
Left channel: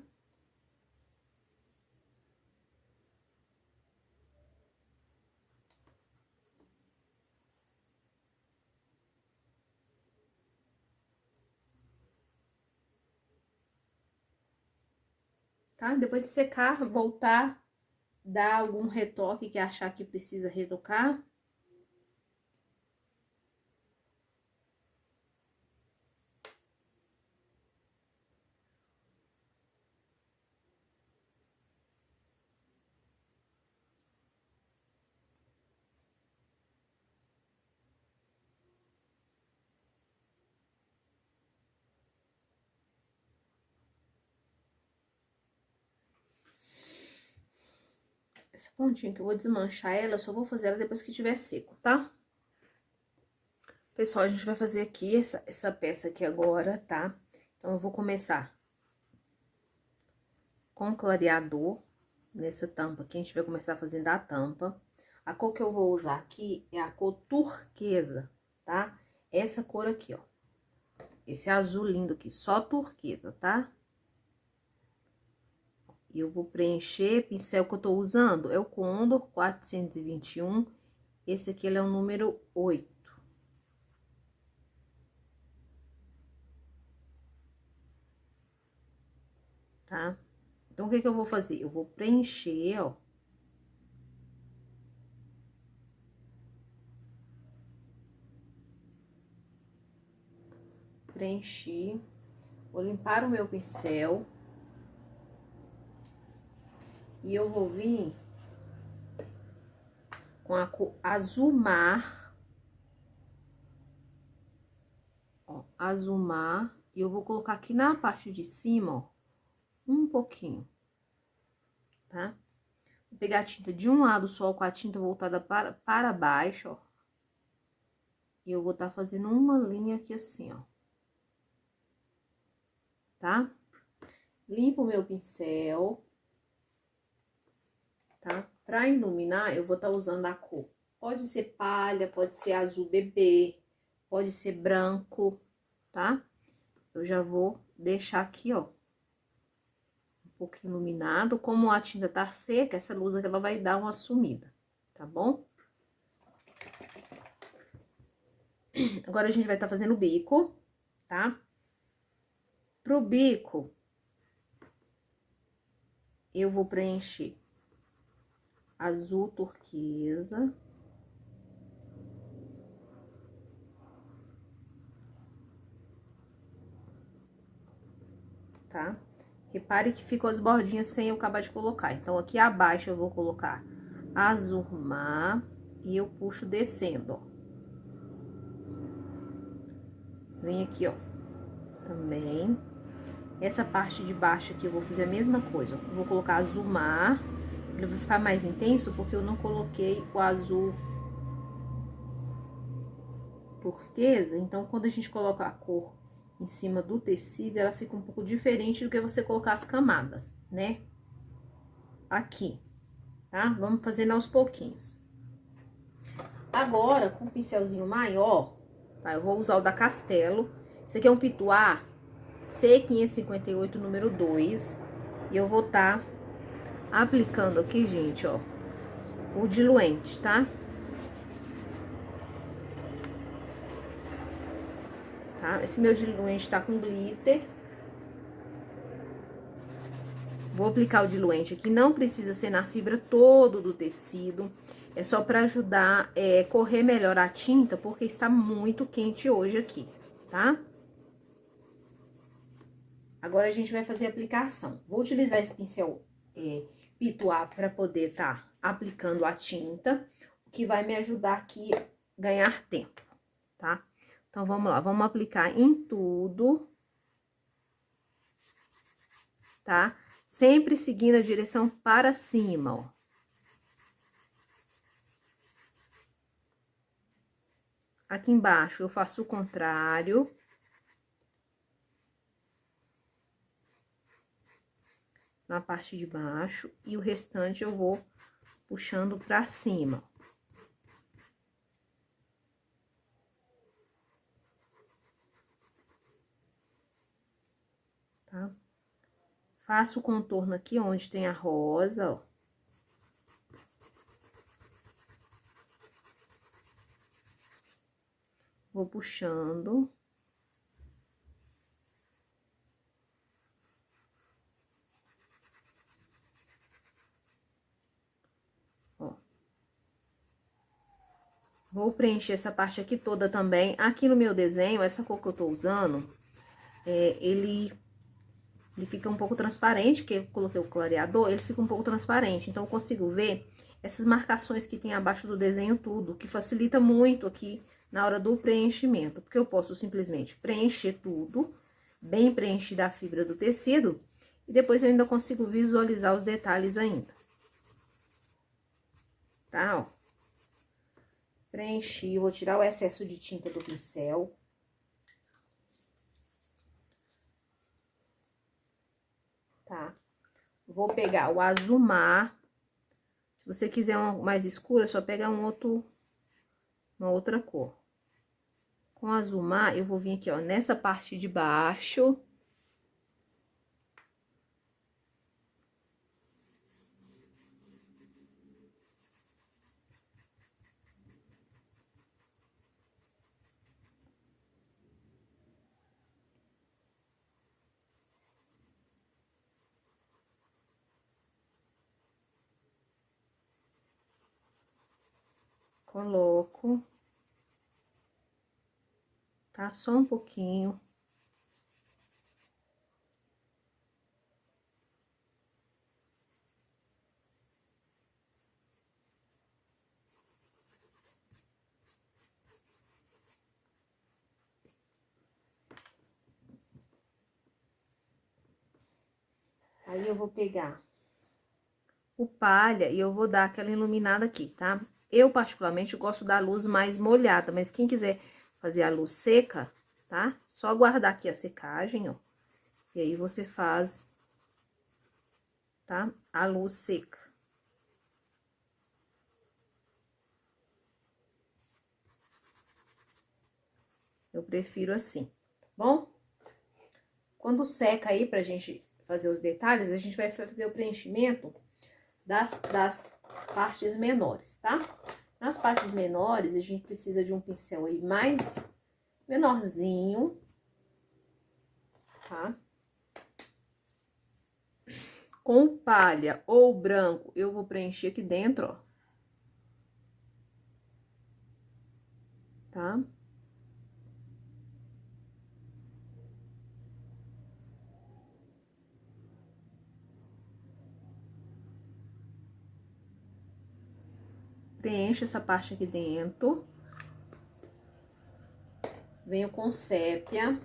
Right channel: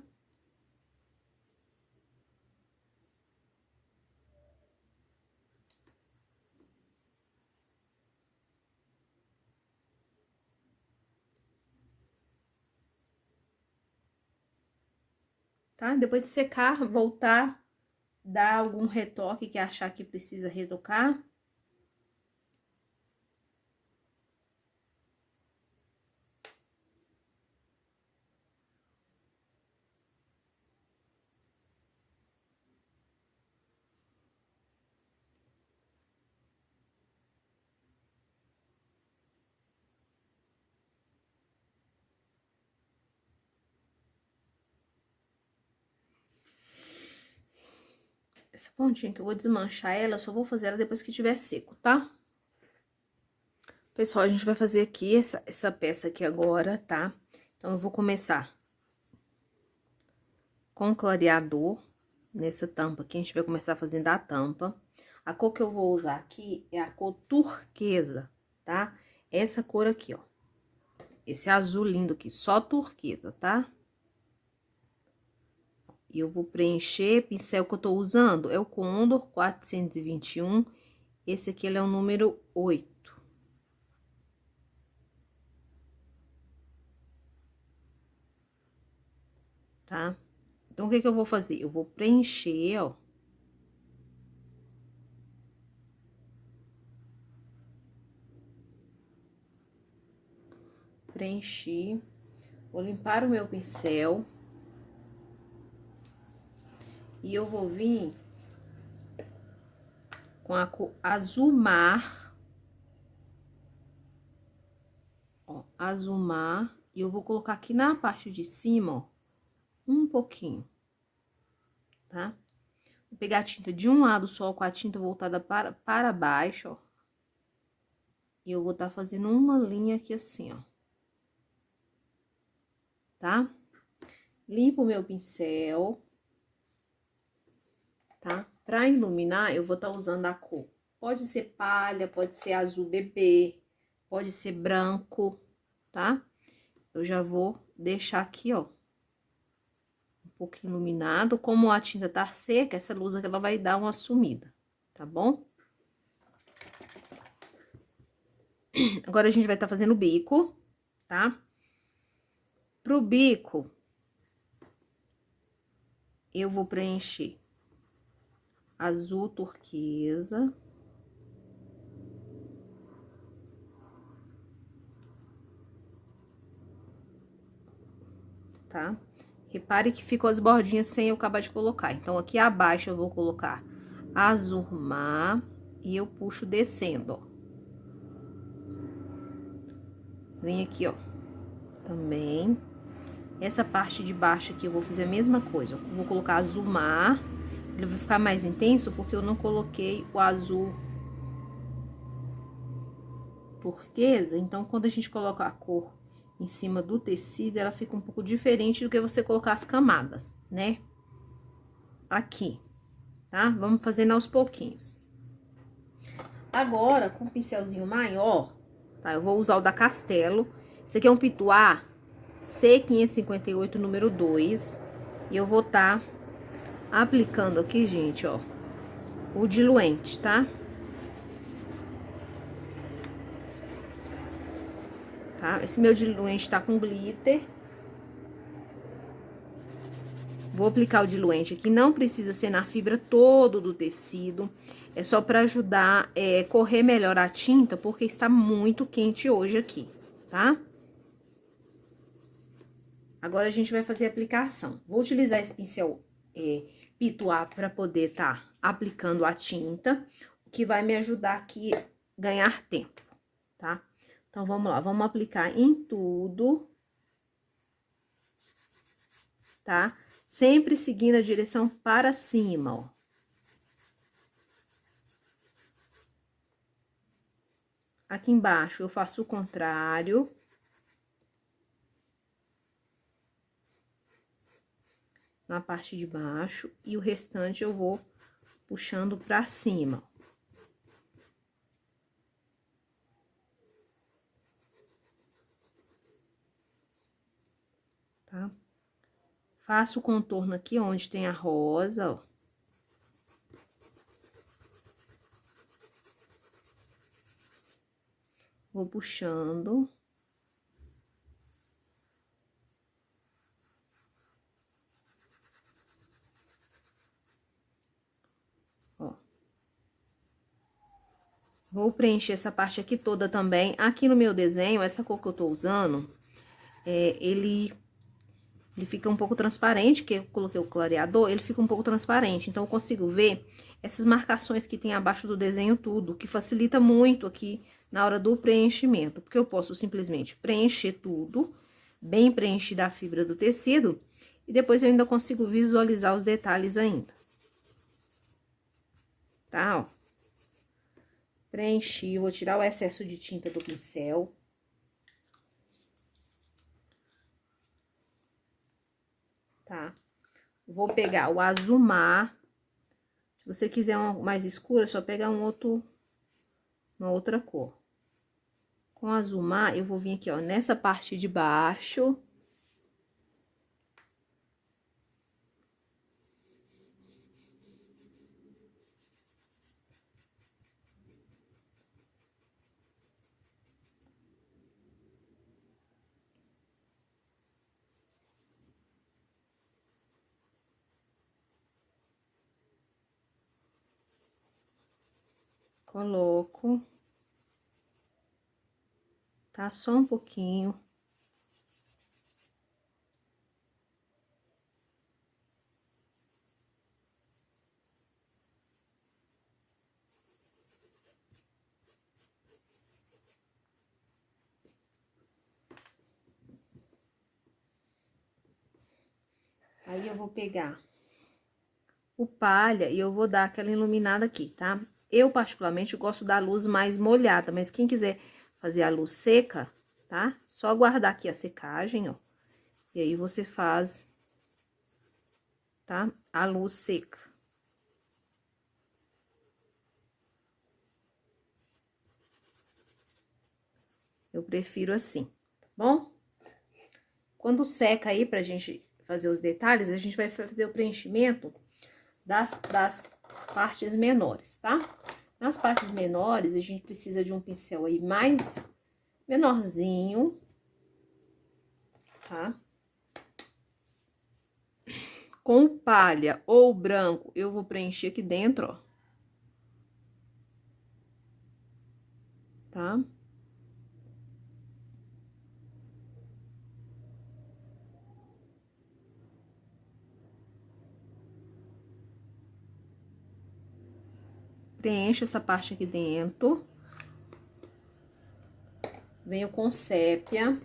tá? Depois de secar, voltar, dar algum retoque que achar que precisa retocar. Essa pontinha que eu vou desmanchar ela, eu só vou fazer ela depois que tiver seco, tá? Pessoal, a gente vai fazer aqui essa peça aqui agora, tá? Então, eu vou começar com clareador nessa tampa aqui. A gente vai começar fazendo a tampa. A cor que eu vou usar aqui é a cor turquesa, tá? Essa cor aqui, ó. Esse azul lindo aqui, só turquesa, tá? E eu vou preencher, pincel que eu tô usando é o Condor 421. Esse aqui, ele é o número 8. Tá? Então, o que que eu vou fazer? Eu vou preencher, ó. Preenchi. Vou limpar o meu pincel. E eu vou vir com a cor azul mar. Ó, azul mar. E eu vou colocar aqui na parte de cima, ó, um pouquinho, tá? Vou pegar a tinta de um lado só, com a tinta voltada para baixo, ó. E eu vou tá fazendo uma linha aqui assim, ó. Tá? Limpo o meu pincel, tá? Pra iluminar, eu vou tá usando a cor. Pode ser palha, pode ser azul bebê, pode ser branco, tá? Eu já vou deixar aqui, ó, um pouquinho iluminado. Como a tinta tá seca, essa luz aqui, ela vai dar uma sumida, tá bom? Agora, a gente vai tá fazendo o bico, tá? Pro bico, eu vou preencher azul turquesa. Tá? Repare que ficou as bordinhas sem eu acabar de colocar. Então, aqui abaixo eu vou colocar azul mar e eu puxo descendo, ó. Vem aqui, ó, também. Essa parte de baixo aqui eu vou fazer a mesma coisa. Eu vou colocar azul mar. Ele vai ficar mais intenso porque eu não coloquei o azul turquesa. Então, quando a gente coloca a cor em cima do tecido, ela fica um pouco diferente do que você colocar as camadas, né? Aqui, tá? Vamos fazendo aos pouquinhos. Agora, com um pincelzinho maior, tá? Eu vou usar o da Castelo. Esse aqui é um Pituá C558, número 2. E eu vou tá aplicando aqui, gente, ó, o diluente, tá? Tá? Esse meu diluente tá com glitter. Vou aplicar o diluente aqui, não precisa ser na fibra todo do tecido. É só pra ajudar correr melhor a tinta, porque está muito quente hoje aqui, tá? Agora, a gente vai fazer a aplicação. Vou utilizar esse pincel Pituá para poder tá aplicando a tinta, o que vai me ajudar aqui a ganhar tempo, tá? Então, vamos lá, vamos aplicar em tudo, tá? Sempre seguindo a direção para cima, ó. Aqui embaixo, eu faço o contrário. Na parte de baixo, e o restante eu vou puxando pra cima. Tá? Faço o contorno aqui onde tem a rosa, ó. Vou puxando. Vou preencher essa parte aqui toda também. Aqui no meu desenho, essa cor que eu tô usando, ele fica um pouco transparente, que eu coloquei o clareador, ele fica um pouco transparente. Então, eu consigo ver essas marcações que tem abaixo do desenho tudo, que facilita muito aqui na hora do preenchimento. Porque eu posso simplesmente preencher tudo, bem preenchida a fibra do tecido, e depois eu ainda consigo visualizar os detalhes ainda. Tá, ó. Preenchi, vou tirar o excesso de tinta do pincel. Tá? Vou pegar o azul mar. Se você quiser uma mais escura, é só pegar uma outra cor. Com azul mar, eu vou vir aqui, ó, nessa parte de baixo. Coloco. Tá? Só um pouquinho. Aí, eu vou pegar o palha e eu vou dar aquela iluminada aqui, tá? Eu, particularmente, gosto da luz mais molhada, mas quem quiser fazer a luz seca, tá? Só guardar aqui a secagem, ó. E aí, você faz, tá? A luz seca. Eu prefiro assim, tá bom? Quando seca aí, pra gente fazer os detalhes, a gente vai fazer o preenchimento das partes menores, tá? Nas partes menores, a gente precisa de um pincel aí mais menorzinho, tá? Com palha ou branco, eu vou preencher aqui dentro, ó. Tá? Preencho essa parte aqui dentro. Venho com sépia.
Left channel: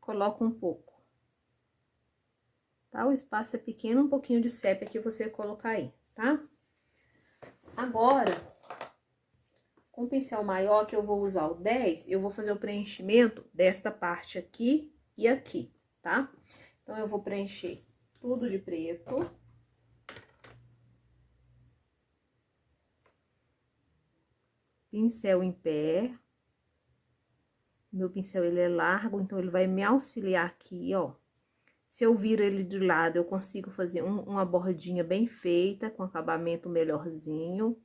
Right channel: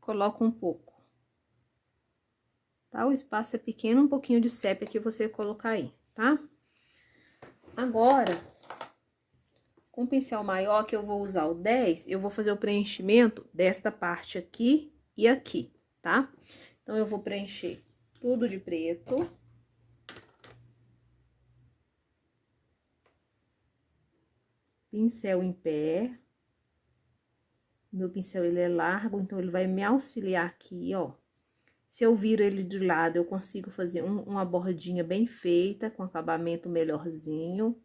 Coloco um pouco. Tá? O espaço é pequeno, um pouquinho de sépia que você colocar aí, tá? Agora, com o pincel maior, que eu vou usar o 10, eu vou fazer o preenchimento desta parte aqui e aqui, tá? Então, eu vou preencher tudo de preto. Pincel em pé. Meu pincel, ele é largo, então, ele vai me auxiliar aqui, ó. Se eu viro ele de lado, eu consigo fazer uma bordinha bem feita, com acabamento melhorzinho.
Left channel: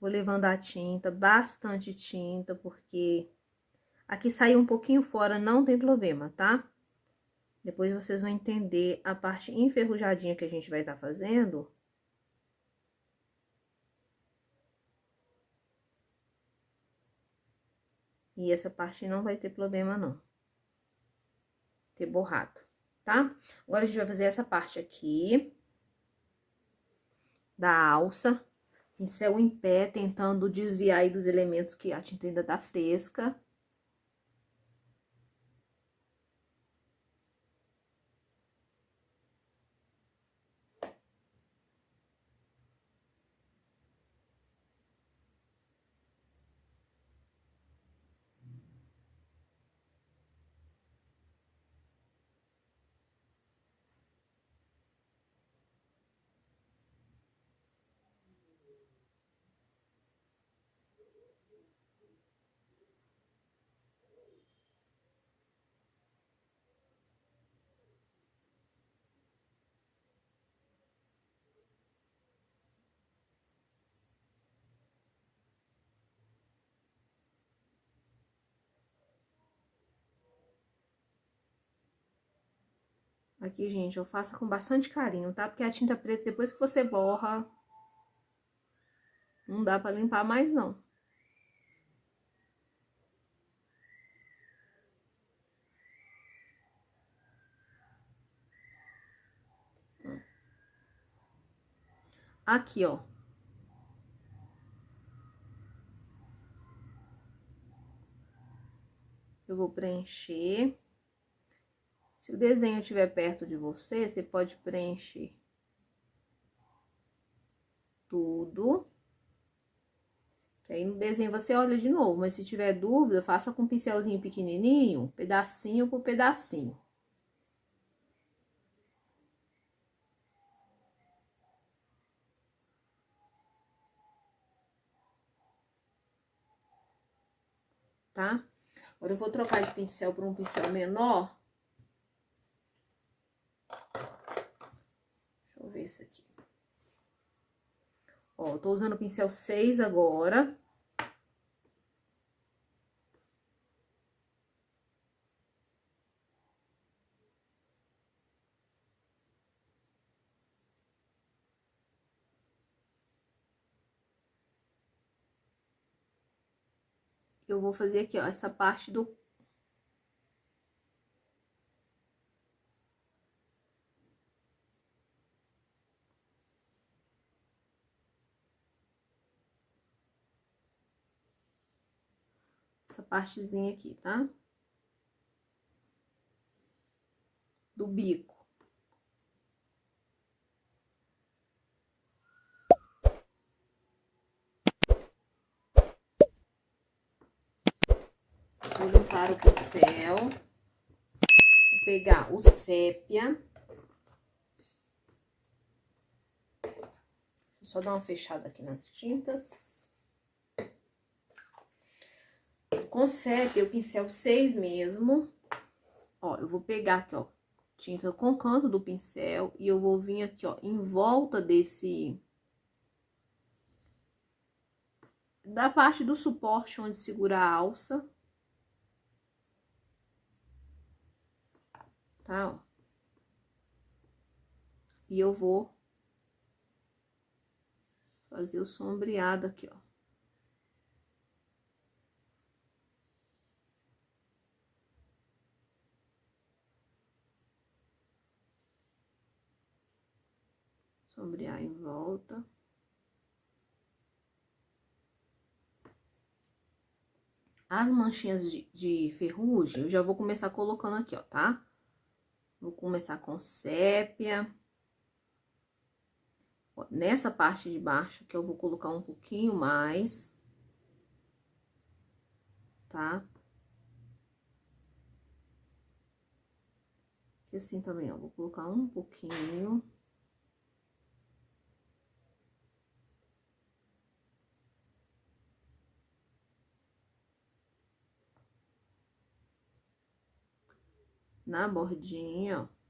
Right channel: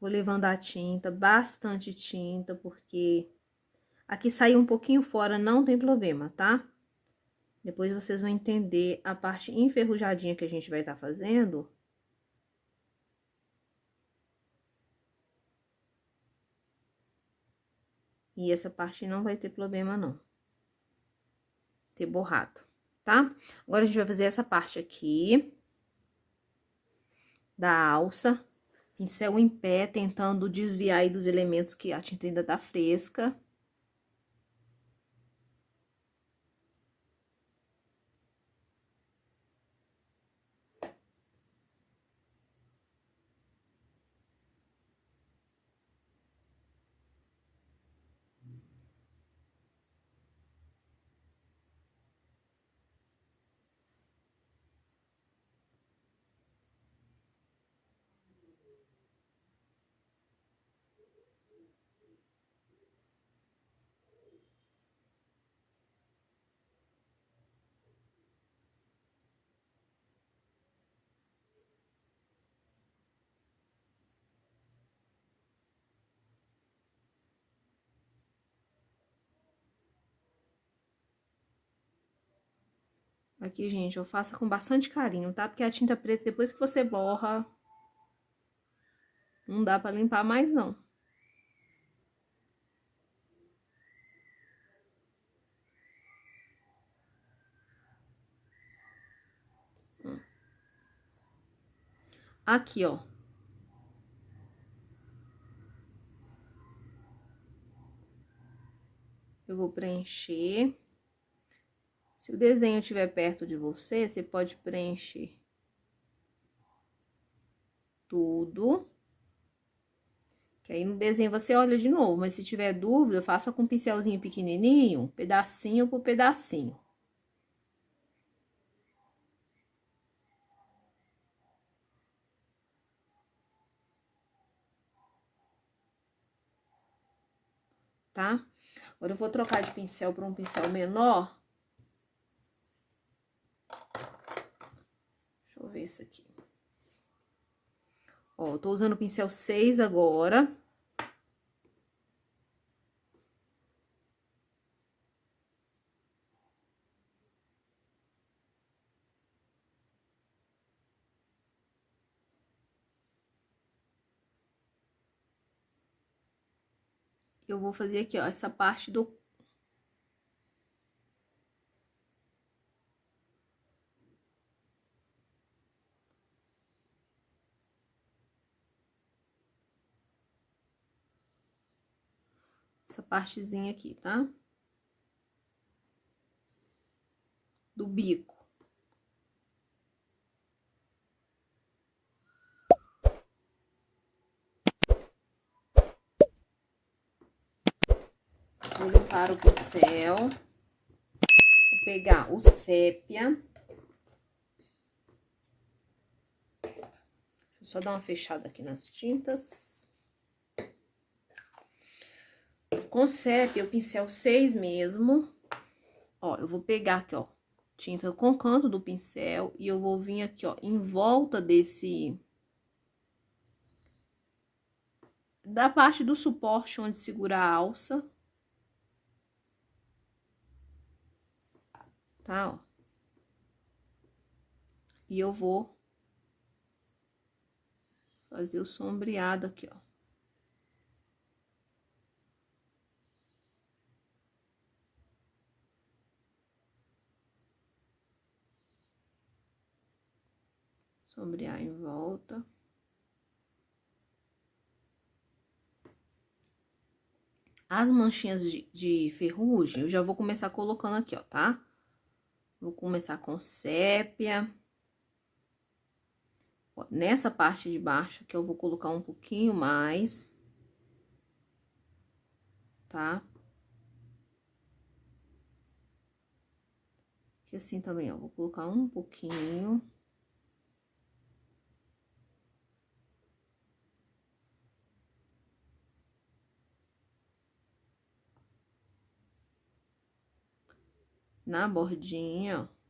Vou levando a tinta, bastante tinta, porque aqui saiu um pouquinho fora, não tem problema, tá? Depois vocês vão entender a parte enferrujadinha que a gente vai estar fazendo. E essa parte não vai ter problema, não. Ter borrado, tá? Agora, a gente vai fazer essa parte aqui da alça. Pincel em pé, tentando desviar aí dos elementos que a tinta ainda tá fresca. Aqui, gente, eu faço com bastante carinho, tá? Porque a tinta preta, depois que você borra, não dá pra limpar mais, não. Aqui, ó. Eu vou preencher. Se o desenho estiver perto de você, você pode preencher tudo. Que aí no desenho você olha de novo, mas se tiver dúvida, faça com um pincelzinho pequenininho, pedacinho por pedacinho. Tá? Agora eu vou trocar de pincel para um pincel menor. Deixa eu ver isso aqui. Ó, eu tô usando o pincel 6 agora. Eu vou fazer aqui, ó, essa parte do... Essa partezinha aqui, tá? Do bico. Vou limpar o pincel. Vou pegar o sépia. Deixa eu só dar uma fechada aqui nas tintas. Com sépia, o pincel 6 mesmo. Ó, eu vou pegar aqui, ó, tinta com o canto do pincel e eu vou vir aqui, ó, em volta desse... da parte do suporte onde segura a alça. Tá, ó. E eu vou fazer o sombreado aqui, ó. Sombrear em volta. As manchinhas de ferrugem, eu já vou começar colocando aqui, ó, tá? Vou começar com sépia. Ó, nessa parte de baixo que eu vou colocar um pouquinho mais. Tá? Aqui assim também, ó, vou colocar um pouquinho. Na bordinha, ó.